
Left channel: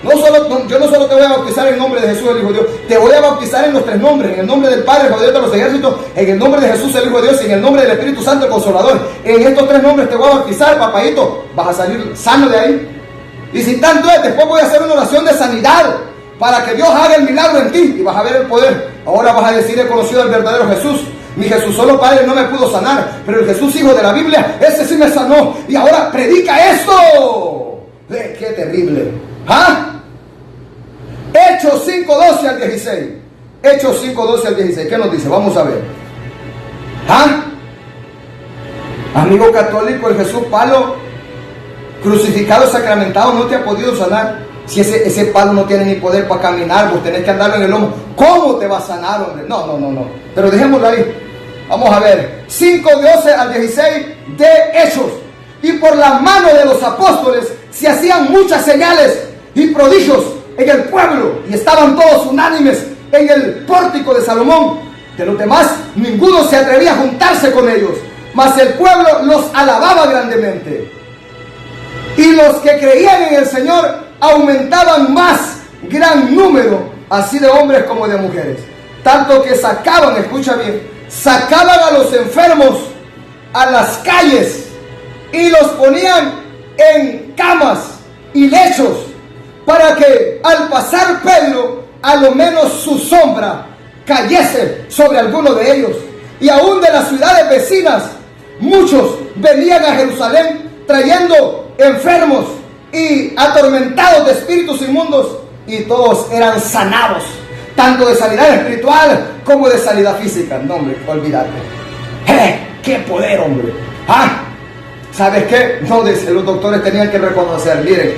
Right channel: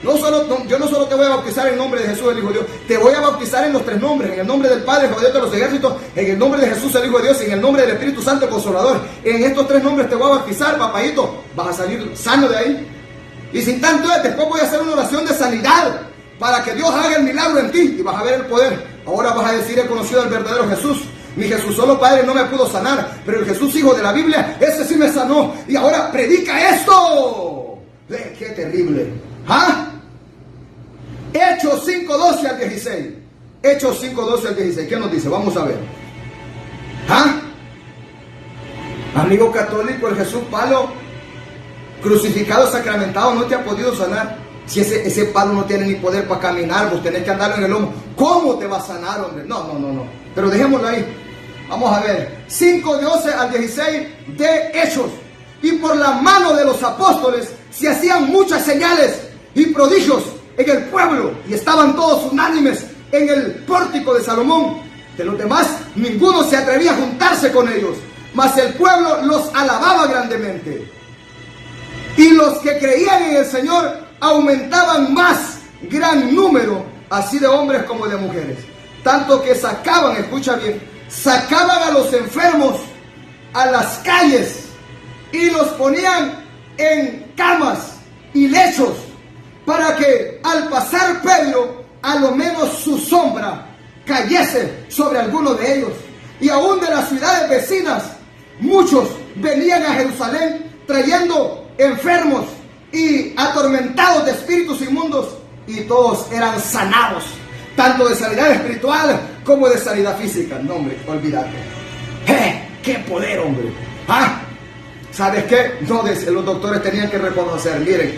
Yo no solo te voy a bautizar en nombre de Jesús, el Hijo de Dios, te voy a bautizar en los tres nombres: en el nombre del Padre, el Hijo de Dios de los ejércitos, en el nombre de Jesús, el Hijo de Dios, y en el nombre del Espíritu Santo, el Consolador. En estos tres nombres te voy a bautizar, papayito. Vas a salir sano de ahí. Y sin tanto, después voy a hacer una oración de sanidad para que Dios haga el milagro en ti, y vas a ver el poder. Ahora vas a decir: he conocido al verdadero Jesús. Mi Jesús solo Padre no me pudo sanar, pero el Jesús Hijo de la Biblia, ese sí me sanó. Y ahora predica esto. ¡Qué terrible! Hechos 5:12 al 16. Hechos 5:12 al 16. ¿Qué nos dice? Vamos a ver. Amigo católico, el Jesús palo, crucificado, sacramentado, no te ha podido sanar. Si ese palo no tiene ni poder para caminar, vos tenés que andarlo en el lomo. ¿Cómo te va a sanar, hombre? No. Pero dejémoslo ahí. Vamos a ver. 5:12 al 16 de Hechos. Y por la mano de los apóstoles se hacían muchas señales y prodigios en el pueblo, y estaban todos unánimes en el pórtico de Salomón. De los demás, ninguno se atrevía a juntarse con ellos, mas el pueblo los alababa grandemente. Y los que creían en el Señor aumentaban más gran número, así de hombres como de mujeres. Tanto que sacaban, escucha bien, sacaban a los enfermos a las calles y los ponían en camas y lechos, para que al pasar Pedro, a lo menos su sombra cayese sobre alguno de ellos. Y aún de las ciudades vecinas, muchos venían a Jerusalén trayendo enfermos y atormentados de espíritus inmundos, y todos eran sanados. tanto de sanidad espiritual como de sanidad física. No, hombre, olvídate. ¡Qué poder, hombre! ¿Sabes qué? No, los doctores tenían que reconocer, miren,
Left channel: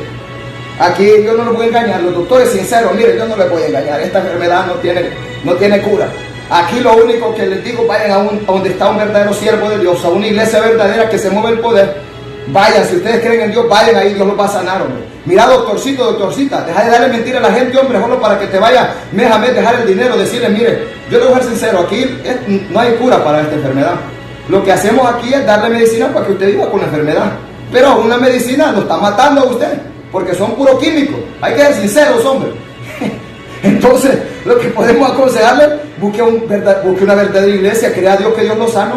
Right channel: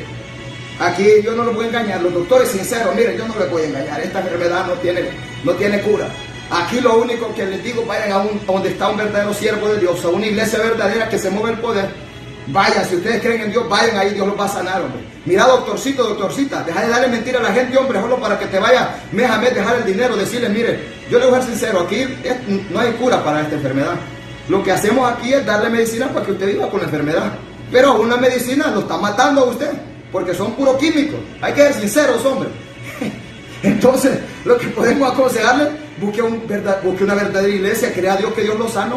aquí yo no los voy a engañar, los doctores sinceros, miren, yo no les voy a engañar, esta enfermedad no tiene cura. Aquí lo único que les digo, vayan a donde está un verdadero siervo de Dios, a una iglesia verdadera que se mueve el poder. Vayan, si ustedes creen en Dios, vayan ahí, Dios los va a sanar, hombre. Mira, doctorcito, doctorcita, deja de darle mentira a la gente, hombre, solo para que te vaya mes a mes dejar el dinero, decirle, mire, yo le voy a ser sincero, aquí no hay cura para esta enfermedad. Lo que hacemos aquí es darle medicina para que usted viva con la enfermedad. Pero aún la medicina lo está matando a usted, porque son puros químicos. Hay que ser sinceros, hombre. Entonces, lo que podemos aconsejarle, busque una verdadera iglesia, crea a Dios que Dios lo sana.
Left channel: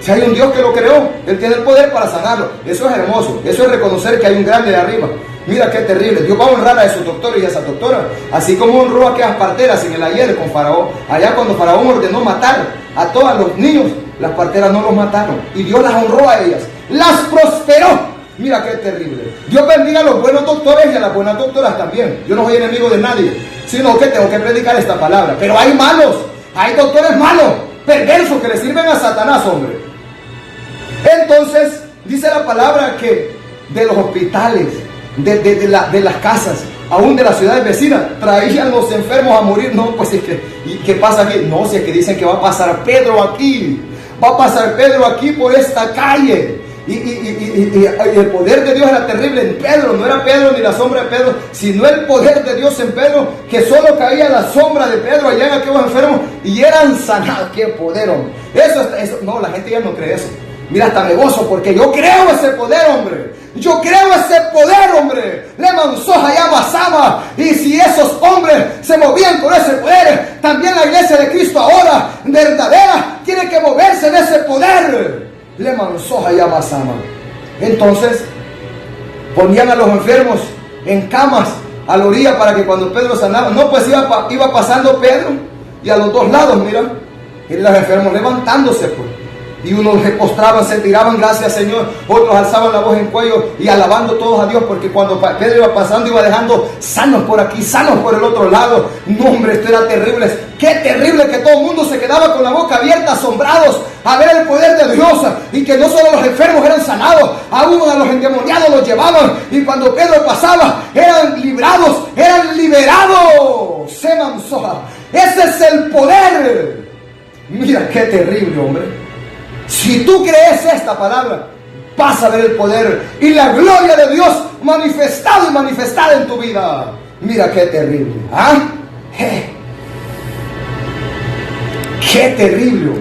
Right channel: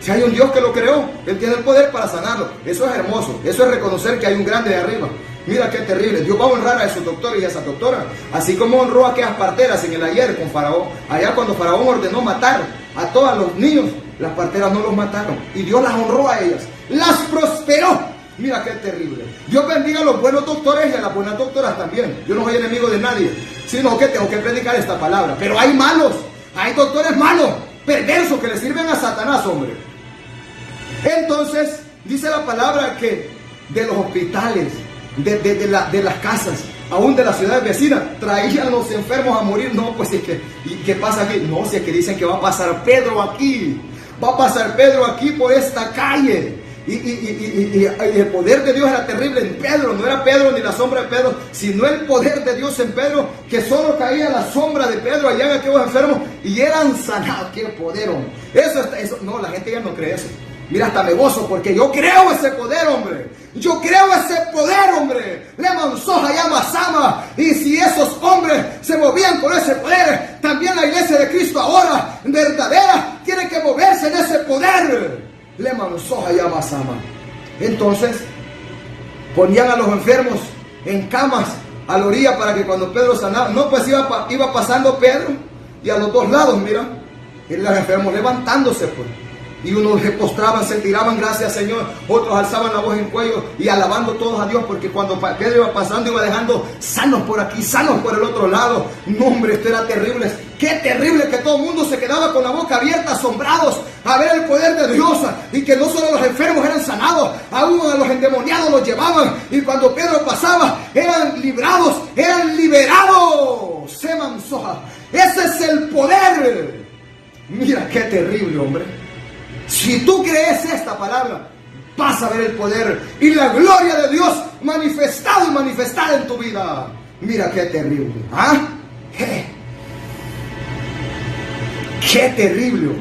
Si hay un Dios que lo creó, Él tiene el poder para sanarlo. Eso es hermoso, eso es reconocer que hay un grande de arriba. Mira qué terrible, Dios va a honrar a esos doctores y a esas doctoras, así como honró a aquellas parteras en el ayer con Faraón. Allá cuando Faraón ordenó matar a todos los niños, las parteras no los mataron y Dios las honró a ellas, las prosperó. Mira qué terrible. Dios bendiga a los buenos doctores y a las buenas doctoras también. Yo no soy enemigo de nadie, sino que tengo que predicar esta palabra. Pero hay malos, hay doctores malos, perversos, que le sirven a Satanás, hombre. Entonces, dice la palabra que de los hospitales, de las casas, aún de las ciudades vecinas, traían los enfermos a morir. No, pues es que, ¿y qué pasa aquí? No, si es que dicen que va a pasar Pedro aquí, va a pasar Pedro aquí por esta calle. Y el poder de Dios era terrible en Pedro. No era Pedro ni la sombra de Pedro, sino el poder de Dios en Pedro, que solo caía la sombra de Pedro allá en aquellos enfermos y eran sanados. ¡Qué poder, hombre! Eso, no, la gente ya no cree eso. Mira, hasta me gozo porque yo creo ese poder, hombre. Yo creo ese poder, hombre. Leman soja llama sama. Y si esos hombres se movían con ese poder, también la iglesia de Cristo ahora, verdadera, tiene que moverse de ese poder. Leman soja llama sama. Entonces, ponían a los enfermos en camas a la orilla para que cuando Pedro sanaba, no, pues iba pasando Pedro y a los dos lados, mira, y los enfermos levantándose, pues. Y unos se postraban, se tiraban, gracias Señor. Otros alzaban la voz en cuello y alabando todos a Dios, porque cuando Pedro iba pasando, iba dejando sanos por aquí, sanos por el otro lado. No, hombre, esto era terrible. Qué terrible que todo el mundo se quedaba con la boca abierta, asombrados, a ver el poder de Dios. Y que no solo los enfermos eran sanados, aún a los endemoniados los llevaban. Y cuando Pedro pasaba, eran librados, eran liberados. Seman soja. Ese es el poder. Mira qué terrible, hombre. Si tú crees esta palabra, vas a ver el poder y la gloria de Dios manifestado y manifestada en tu vida. Mira qué terrible. Qué terrible.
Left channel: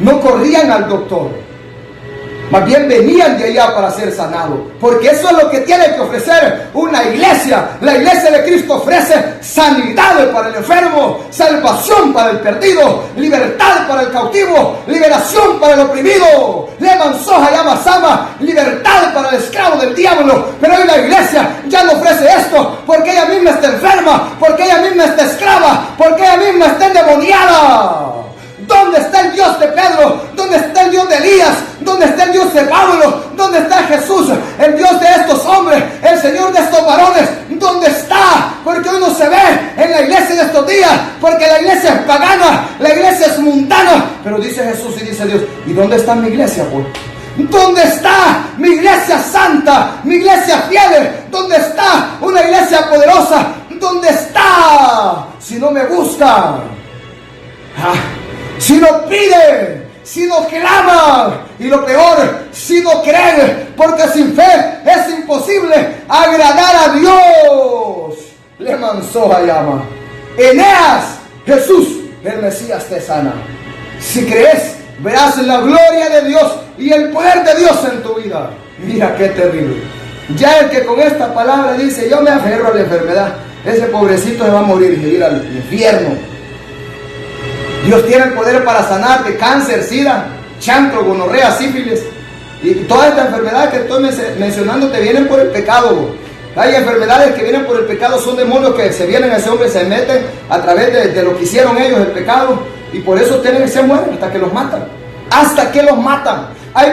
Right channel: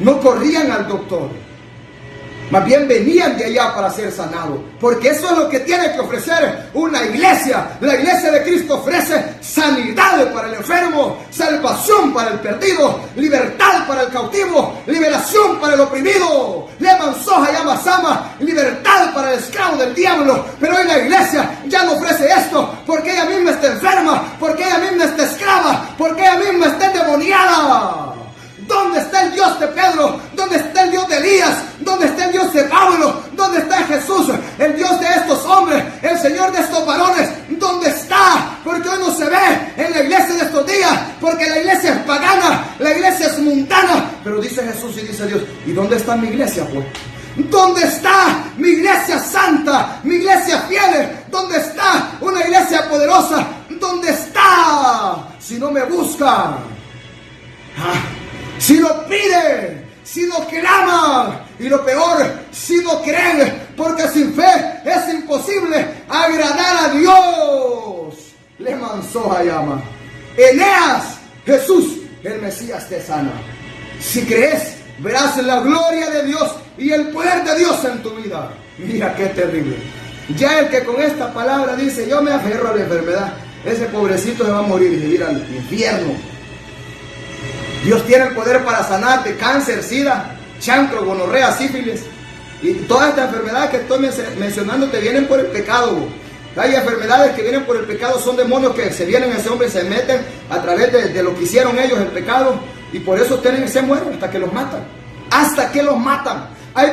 No corrían al doctor, más bien venían de allá para ser sanados, porque eso es lo que tiene que ofrecer una iglesia. La iglesia de Cristo ofrece sanidad para el enfermo, salvación para el perdido, libertad para el cautivo, liberación para el oprimido. Leman soja llama sama, libertad para el esclavo del diablo. Pero hoy la iglesia ya no ofrece esto, porque ella misma está enferma, porque ella misma está esclava, porque ella misma está endemoniada. ¿Dónde está el Dios de Pedro? ¿Dónde está el Dios de Elías? ¿Dónde está el Dios de Pablo? ¿Dónde está Jesús? El Dios de estos hombres, el Señor de estos varones. ¿Dónde está? Porque hoy no se ve en la iglesia de estos días, porque la iglesia es pagana, la iglesia es mundana. Pero dice Jesús y dice Dios, ¿y dónde está mi iglesia, pues? ¿Dónde está mi iglesia santa, mi iglesia fiel? ¿Dónde está una iglesia poderosa? ¿Dónde está? Si no me busca, si no pide, si no clama, y lo peor, si no cree, porque sin fe es imposible agradar a Dios. Le manzó a llama. Eneas, Jesús, el Mesías te sana. Si crees, verás la gloria de Dios y el poder de Dios en tu vida. Mira qué terrible. Ya el que con esta palabra dice, yo me aferro a la enfermedad, ese pobrecito se va a morir y se ir al infierno. Dios tiene el poder para sanar de cáncer, sida, chancro, gonorrea, sífilis. Y todas estas enfermedades que estoy mencionando te vienen por el pecado. Hay enfermedades que vienen por el pecado, son demonios que se vienen a ese hombre, se meten a través de lo que hicieron ellos, el pecado. Y por eso se mueren hasta que los matan. Hasta que los matan. Hay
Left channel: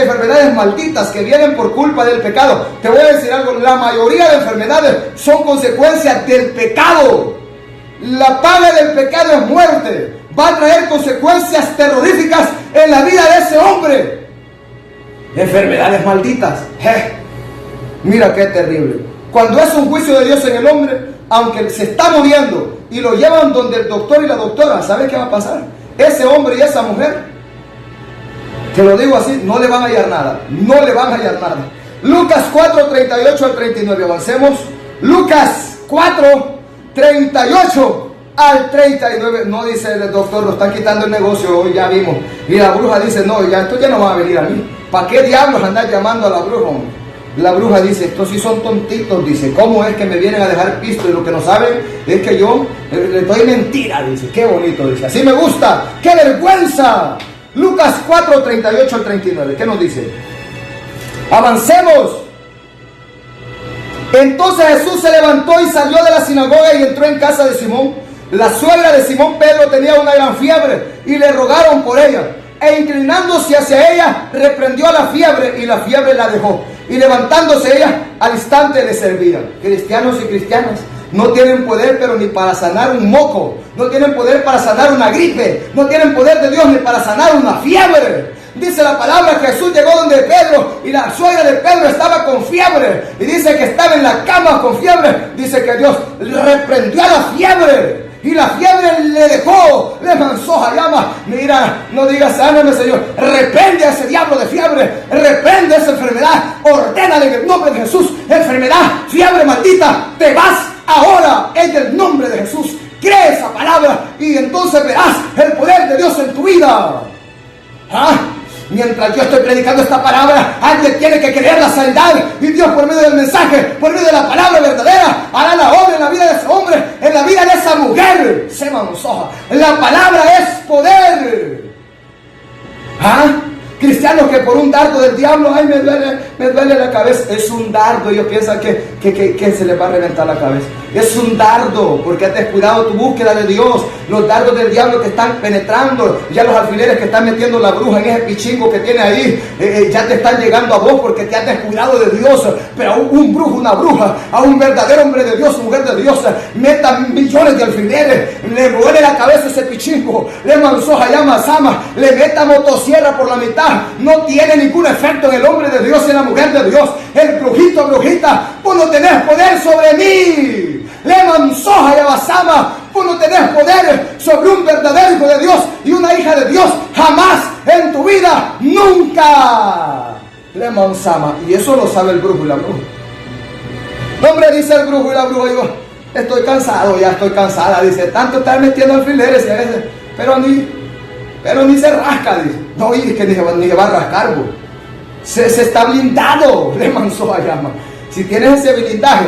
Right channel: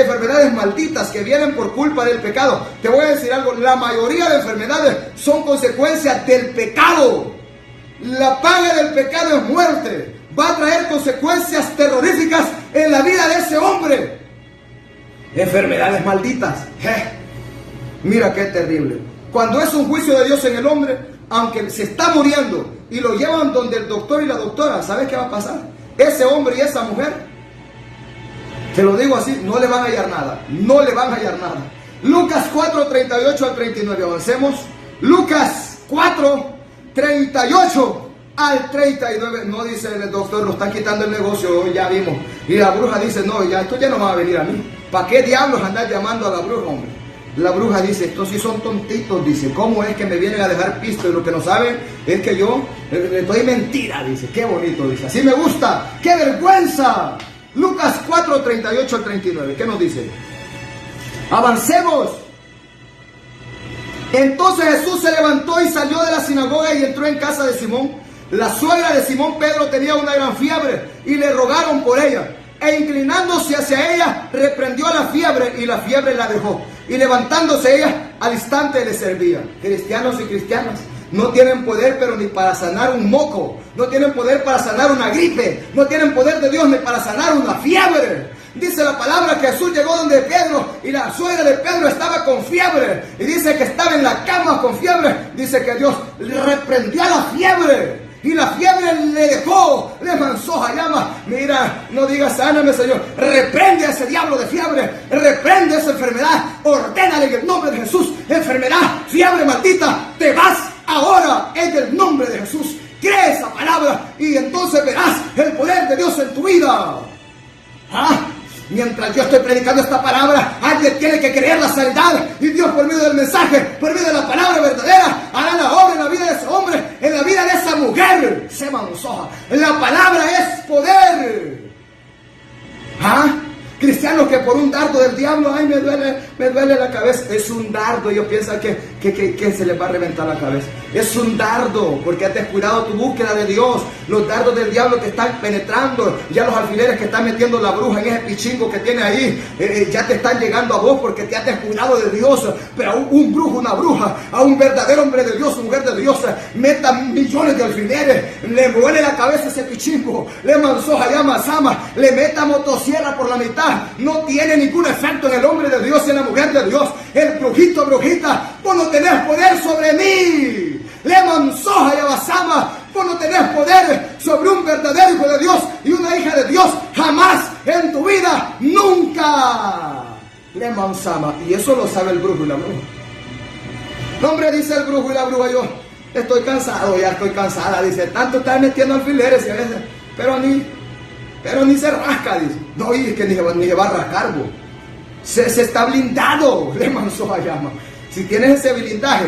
enfermedades malditas que vienen por culpa del pecado. Te voy a decir algo, la mayoría de enfermedades son consecuencias del pecado. La paga del pecado es muerte. Va a traer consecuencias terroríficas en la vida de ese hombre. Enfermedades malditas. Mira qué terrible. Cuando es un juicio de Dios en el hombre, aunque se está muriendo y lo llevan donde el doctor y la doctora, ¿sabes qué va a pasar? Ese hombre y esa mujer, te lo digo así, no le van a hallar nada. No le van a hallar nada. Lucas 4, 38 al 39. Avancemos. Lucas 4, 38 al 39. No dice el doctor, lo están quitando el negocio hoy, ya vimos. Y la bruja dice, no, ya esto ya no va a venir a mí. ¿Para qué diablos andar llamando a la bruja, hombre? La bruja dice, estos sí son tontitos, dice, ¿cómo es que me vienen a dejar pisto? Y lo que no saben es que yo les doy mentira, dice, qué bonito, dice, así me gusta, qué vergüenza. Lucas 4, 38 al 39, ¿qué nos dice? Avancemos. Entonces Jesús se levantó y salió de la sinagoga y entró en casa de Simón. La suegra de Simón Pedro tenía una gran fiebre y le rogaron por ella. E inclinándose hacia ella, reprendió a la fiebre y la fiebre la dejó. Y levantándose ella, al instante le servía. Cristianos y cristianas no tienen poder, pero ni para sanar un moco. No tienen poder para sanar una gripe. No tienen poder de Dios ni para sanar una fiebre. Dice la palabra que Jesús llegó donde Pedro y la suegra de Pedro estaba con fiebre. Y dice que estaba en la cama con fiebre. Dice que Dios le reprendió a la fiebre. Y la fiebre le dejó, le manzó a llama. Mira, no digas sáname, Señor. Reprende a ese diablo de fiebre. Reprende esa enfermedad. Ordénale en el nombre de Jesús. Enfermedad, fiebre maldita, te vas ahora en el nombre de Jesús. Cree esa palabra y entonces verás el poder de Dios en tu vida. ¿Ah? Mientras yo estoy predicando esta palabra, alguien tiene que creer la sanidad. Y Dios, por medio del mensaje, por medio de la palabra verdadera, hará la obra en la vida de ese hombre, en la vida de esa mujer. Se mansoja. La palabra es poder. ¿Ah? Cristianos que por un dardo del diablo, ay, me duele la cabeza. Es un dardo. Ellos piensan que se les va a reventar la cabeza. Es un dardo, porque has descuidado tu búsqueda de Dios. Los dardos del diablo que están penetrando, ya los alfileres que están metiendo la bruja en ese pichingo que tiene ahí, ya te están llegando a vos porque te has descuidado de Dios. Pero a un brujo, una bruja, a un verdadero hombre de Dios, mujer de Dios, metan millones de alfileres, le duele la cabeza ese pichingo, le manzoja llama sama, le meta motosierra por la mitad. No tiene ningún efecto en el hombre de Dios y en la mujer de Dios. El brujito, brujita, vos no tenés poder sobre mí. Le manzoja y abasama, vos no tenés poder sobre un verdadero hijo de Dios y una hija de Dios. Jamás en tu vida, nunca. Le manzama. Y eso lo sabe el brujo y la bruja. No, hombre, dice el brujo y la bruja, yo estoy cansado, ya estoy cansada. Dice, tanto estar metiendo alfileres y a veces, pero ni se rasca, dice. No, y es que ni va a rascar, bo. Se está blindado, le manzó a llama. Si tienes ese blindaje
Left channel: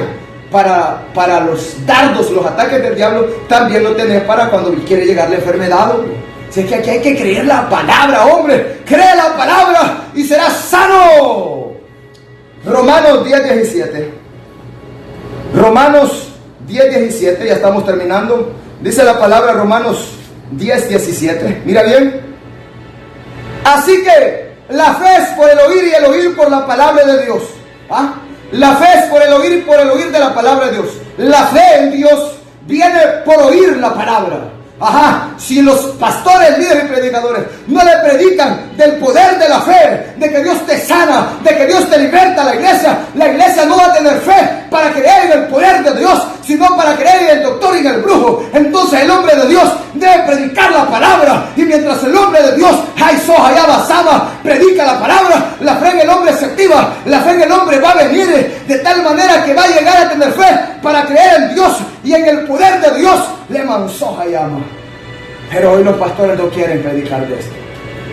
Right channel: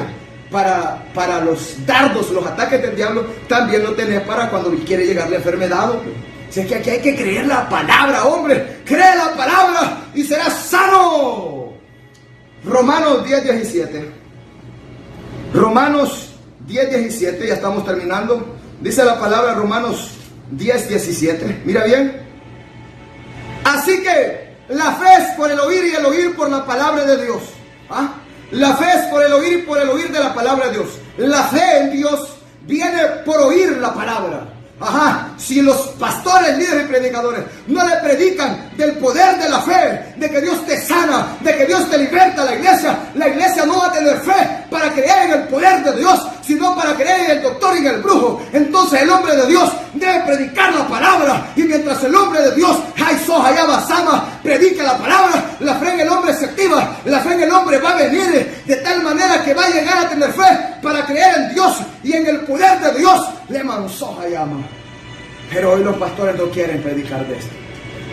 para los dardos, los ataques del diablo, también lo tenés para cuando quiere llegar la enfermedad, hombre. Si es que aquí hay que creer la palabra, hombre. Cree la palabra y serás sano. Romanos 10:17. Romanos 10:17, ya estamos terminando. Dice la palabra Romanos 10:17. Mira bien. Así que la fe es por el oír y el oír por la palabra de Dios. ¿Ah? La fe es por el oír y por el oír de la palabra de Dios. La fe en Dios viene por oír la palabra. Ajá, si los pastores, líderes y predicadores no le predican del poder de la fe, de que Dios te sana, de que Dios te liberta a la iglesia no va a tener fe para creer en el poder de Dios, sino para creer en el doctor y en el brujo. Entonces el hombre de Dios debe predicar la palabra, y mientras el hombre de Dios, predica la palabra, la fe en el hombre se activa, la fe en el hombre va a venir de tal manera que va a llegar a tener fe para creer en Dios y en el poder de Dios. Le mansoja llama. Pero hoy los pastores no quieren predicar de esto.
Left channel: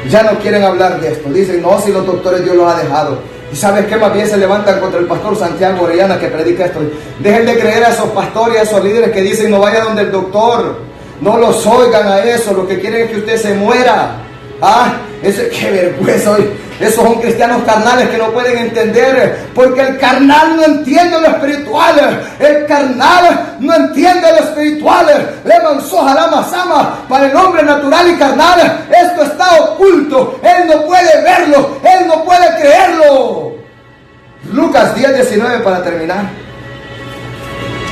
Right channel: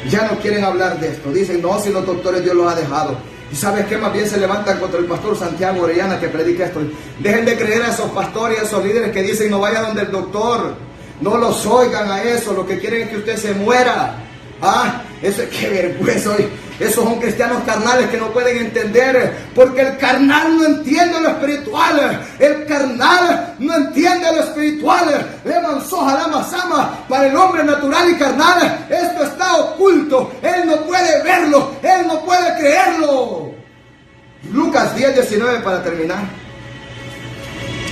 Ya no quieren hablar de esto. Dicen, no, si los doctores Dios los ha dejado. ¿Y sabes qué? Más bien se levantan contra el pastor Santiago Orellana que predica esto. Dejen de creer a esos pastores y a esos líderes que dicen, no vaya donde el doctor. No los oigan a eso. Lo que quieren es que usted se muera. Ah, qué vergüenza hoy. Esos son cristianos carnales que no pueden entender, porque el carnal no entiende lo espiritual. El carnal no entiende lo espiritual. Le mansoja la masama. Para el hombre natural y carnal, esto está oculto. Él no puede verlo, él no puede creerlo. Lucas 10:19 para terminar.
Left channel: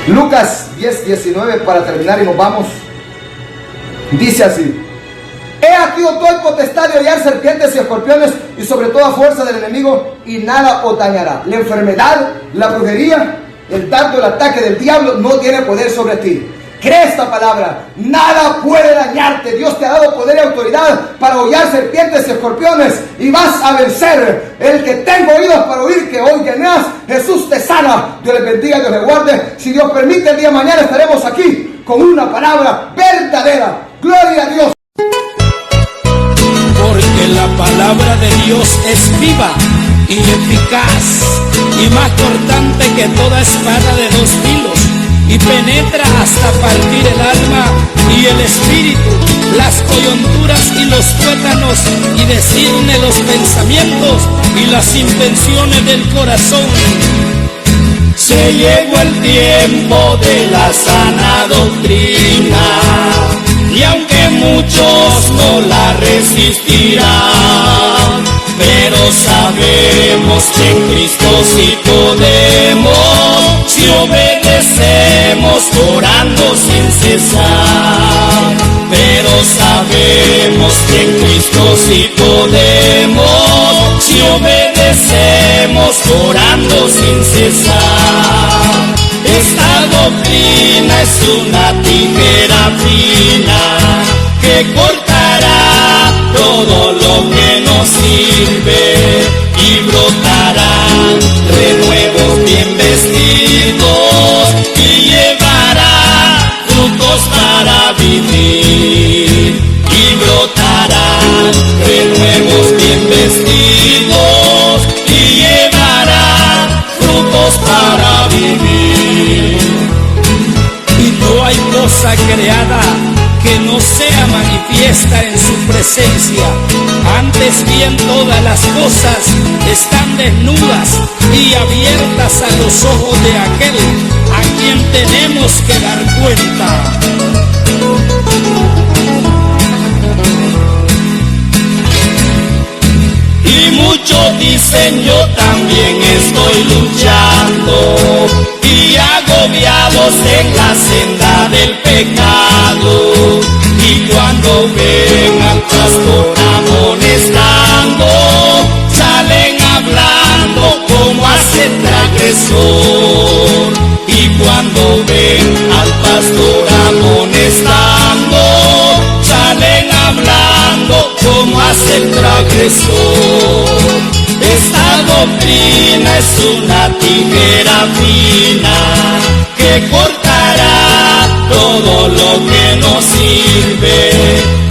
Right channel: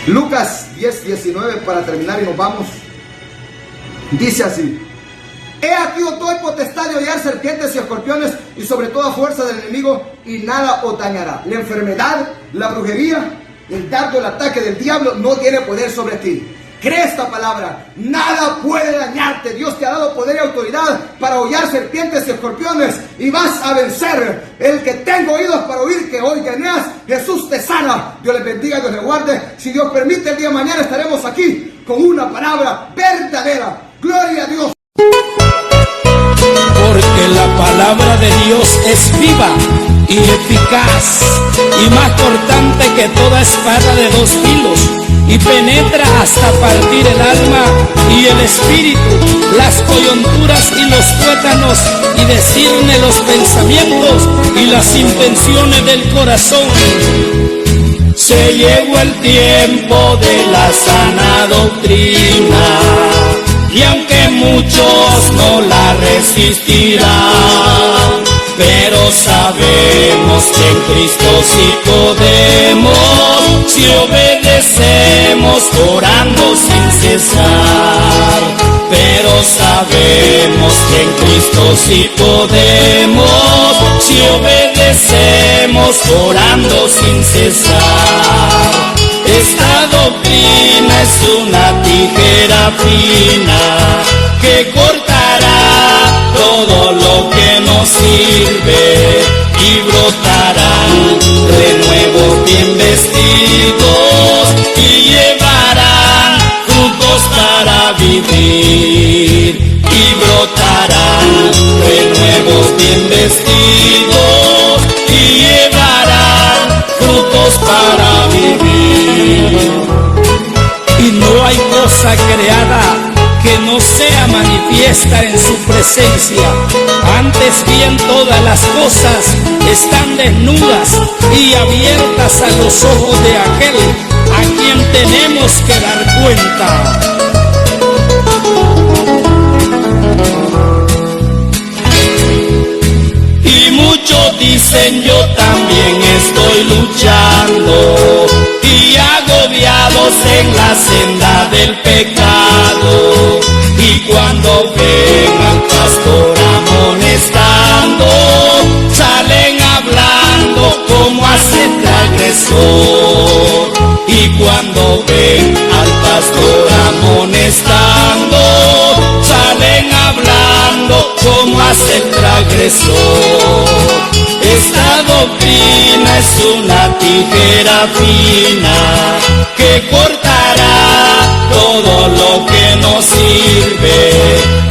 Lucas 10:19 para terminar y nos vamos. Dice así: he aquí os doy potestad de hollar serpientes y escorpiones y sobre toda fuerza del enemigo, y nada os dañará. La enfermedad, la brujería, el dardo, el ataque del diablo no tiene poder sobre ti. Cree esta palabra: nada puede dañarte. Dios te ha dado poder y autoridad para hollar serpientes y escorpiones, y vas a vencer. El que tenga oídos para oír, que oiga. Jesús te sana. Dios les bendiga, Dios les guarde. Si Dios permite, el día de mañana estaremos aquí con una palabra verdadera. Gloria a Dios. Porque la palabra de Dios es viva y eficaz, y más cortante que toda espada de dos filos, y penetra hasta partir el alma y el espíritu, las coyunturas y los tuétanos, y discierne los pensamientos y las intenciones del corazón. Se llegó el tiempo de la sana doctrina, y aunque muchos no la resistirán, pero sabemos que en Cristo sí podemos, si obedecemos orando sin cesar. Pero sabemos que en Cristo sí podemos, si obedecemos orando sin cesar. Esta doctrina es una tijera fina que cortará todo lo que nos sirve, y brotarán renuevos bien vestidos, y llevarán frutos para vivir. Y brotarán renuevos bien vestidos, y llevarán frutos para vivir. Y no hay cosa creada que no sea manifiesta en su presencia. Antes bien, todas las cosas están desnudas y abiertas a los ojos de aquel a quien tenemos que dar cuenta. Y muchos dicen: yo también estoy luchando, y agobiados en la senda del pecado. Y cuando ven al pastor amonestando, salen hablando como hace el agresor. Y cuando ven al pastor amonestando, salen hablando como hace el transgresor. Esta doctrina es una tijera fina que cortará todo lo que nos sirve,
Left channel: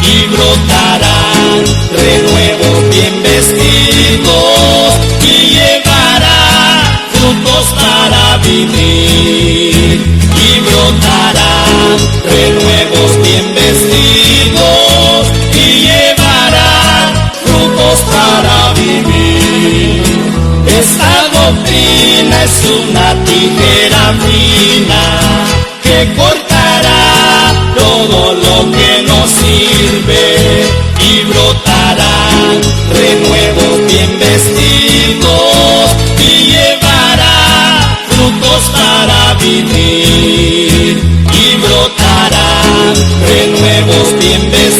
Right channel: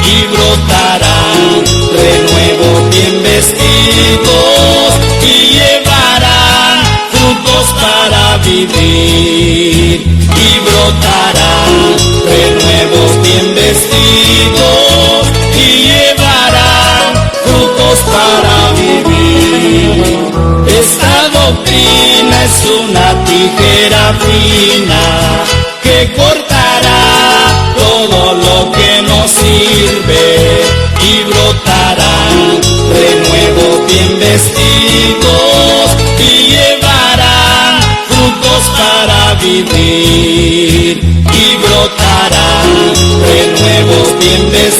y brotarán renuevos bien vestidos, y llevarán frutos para vivir. Y brotarán renuevos bien vestidos, y llevarán frutos para vivir. Esta doctrina es una tijera fina que cortará todo lo que nos sirve, y brotarán renuevos bien vestidos, y llevarán frutos para vivir. Y brotarán renuevos bien vestidos,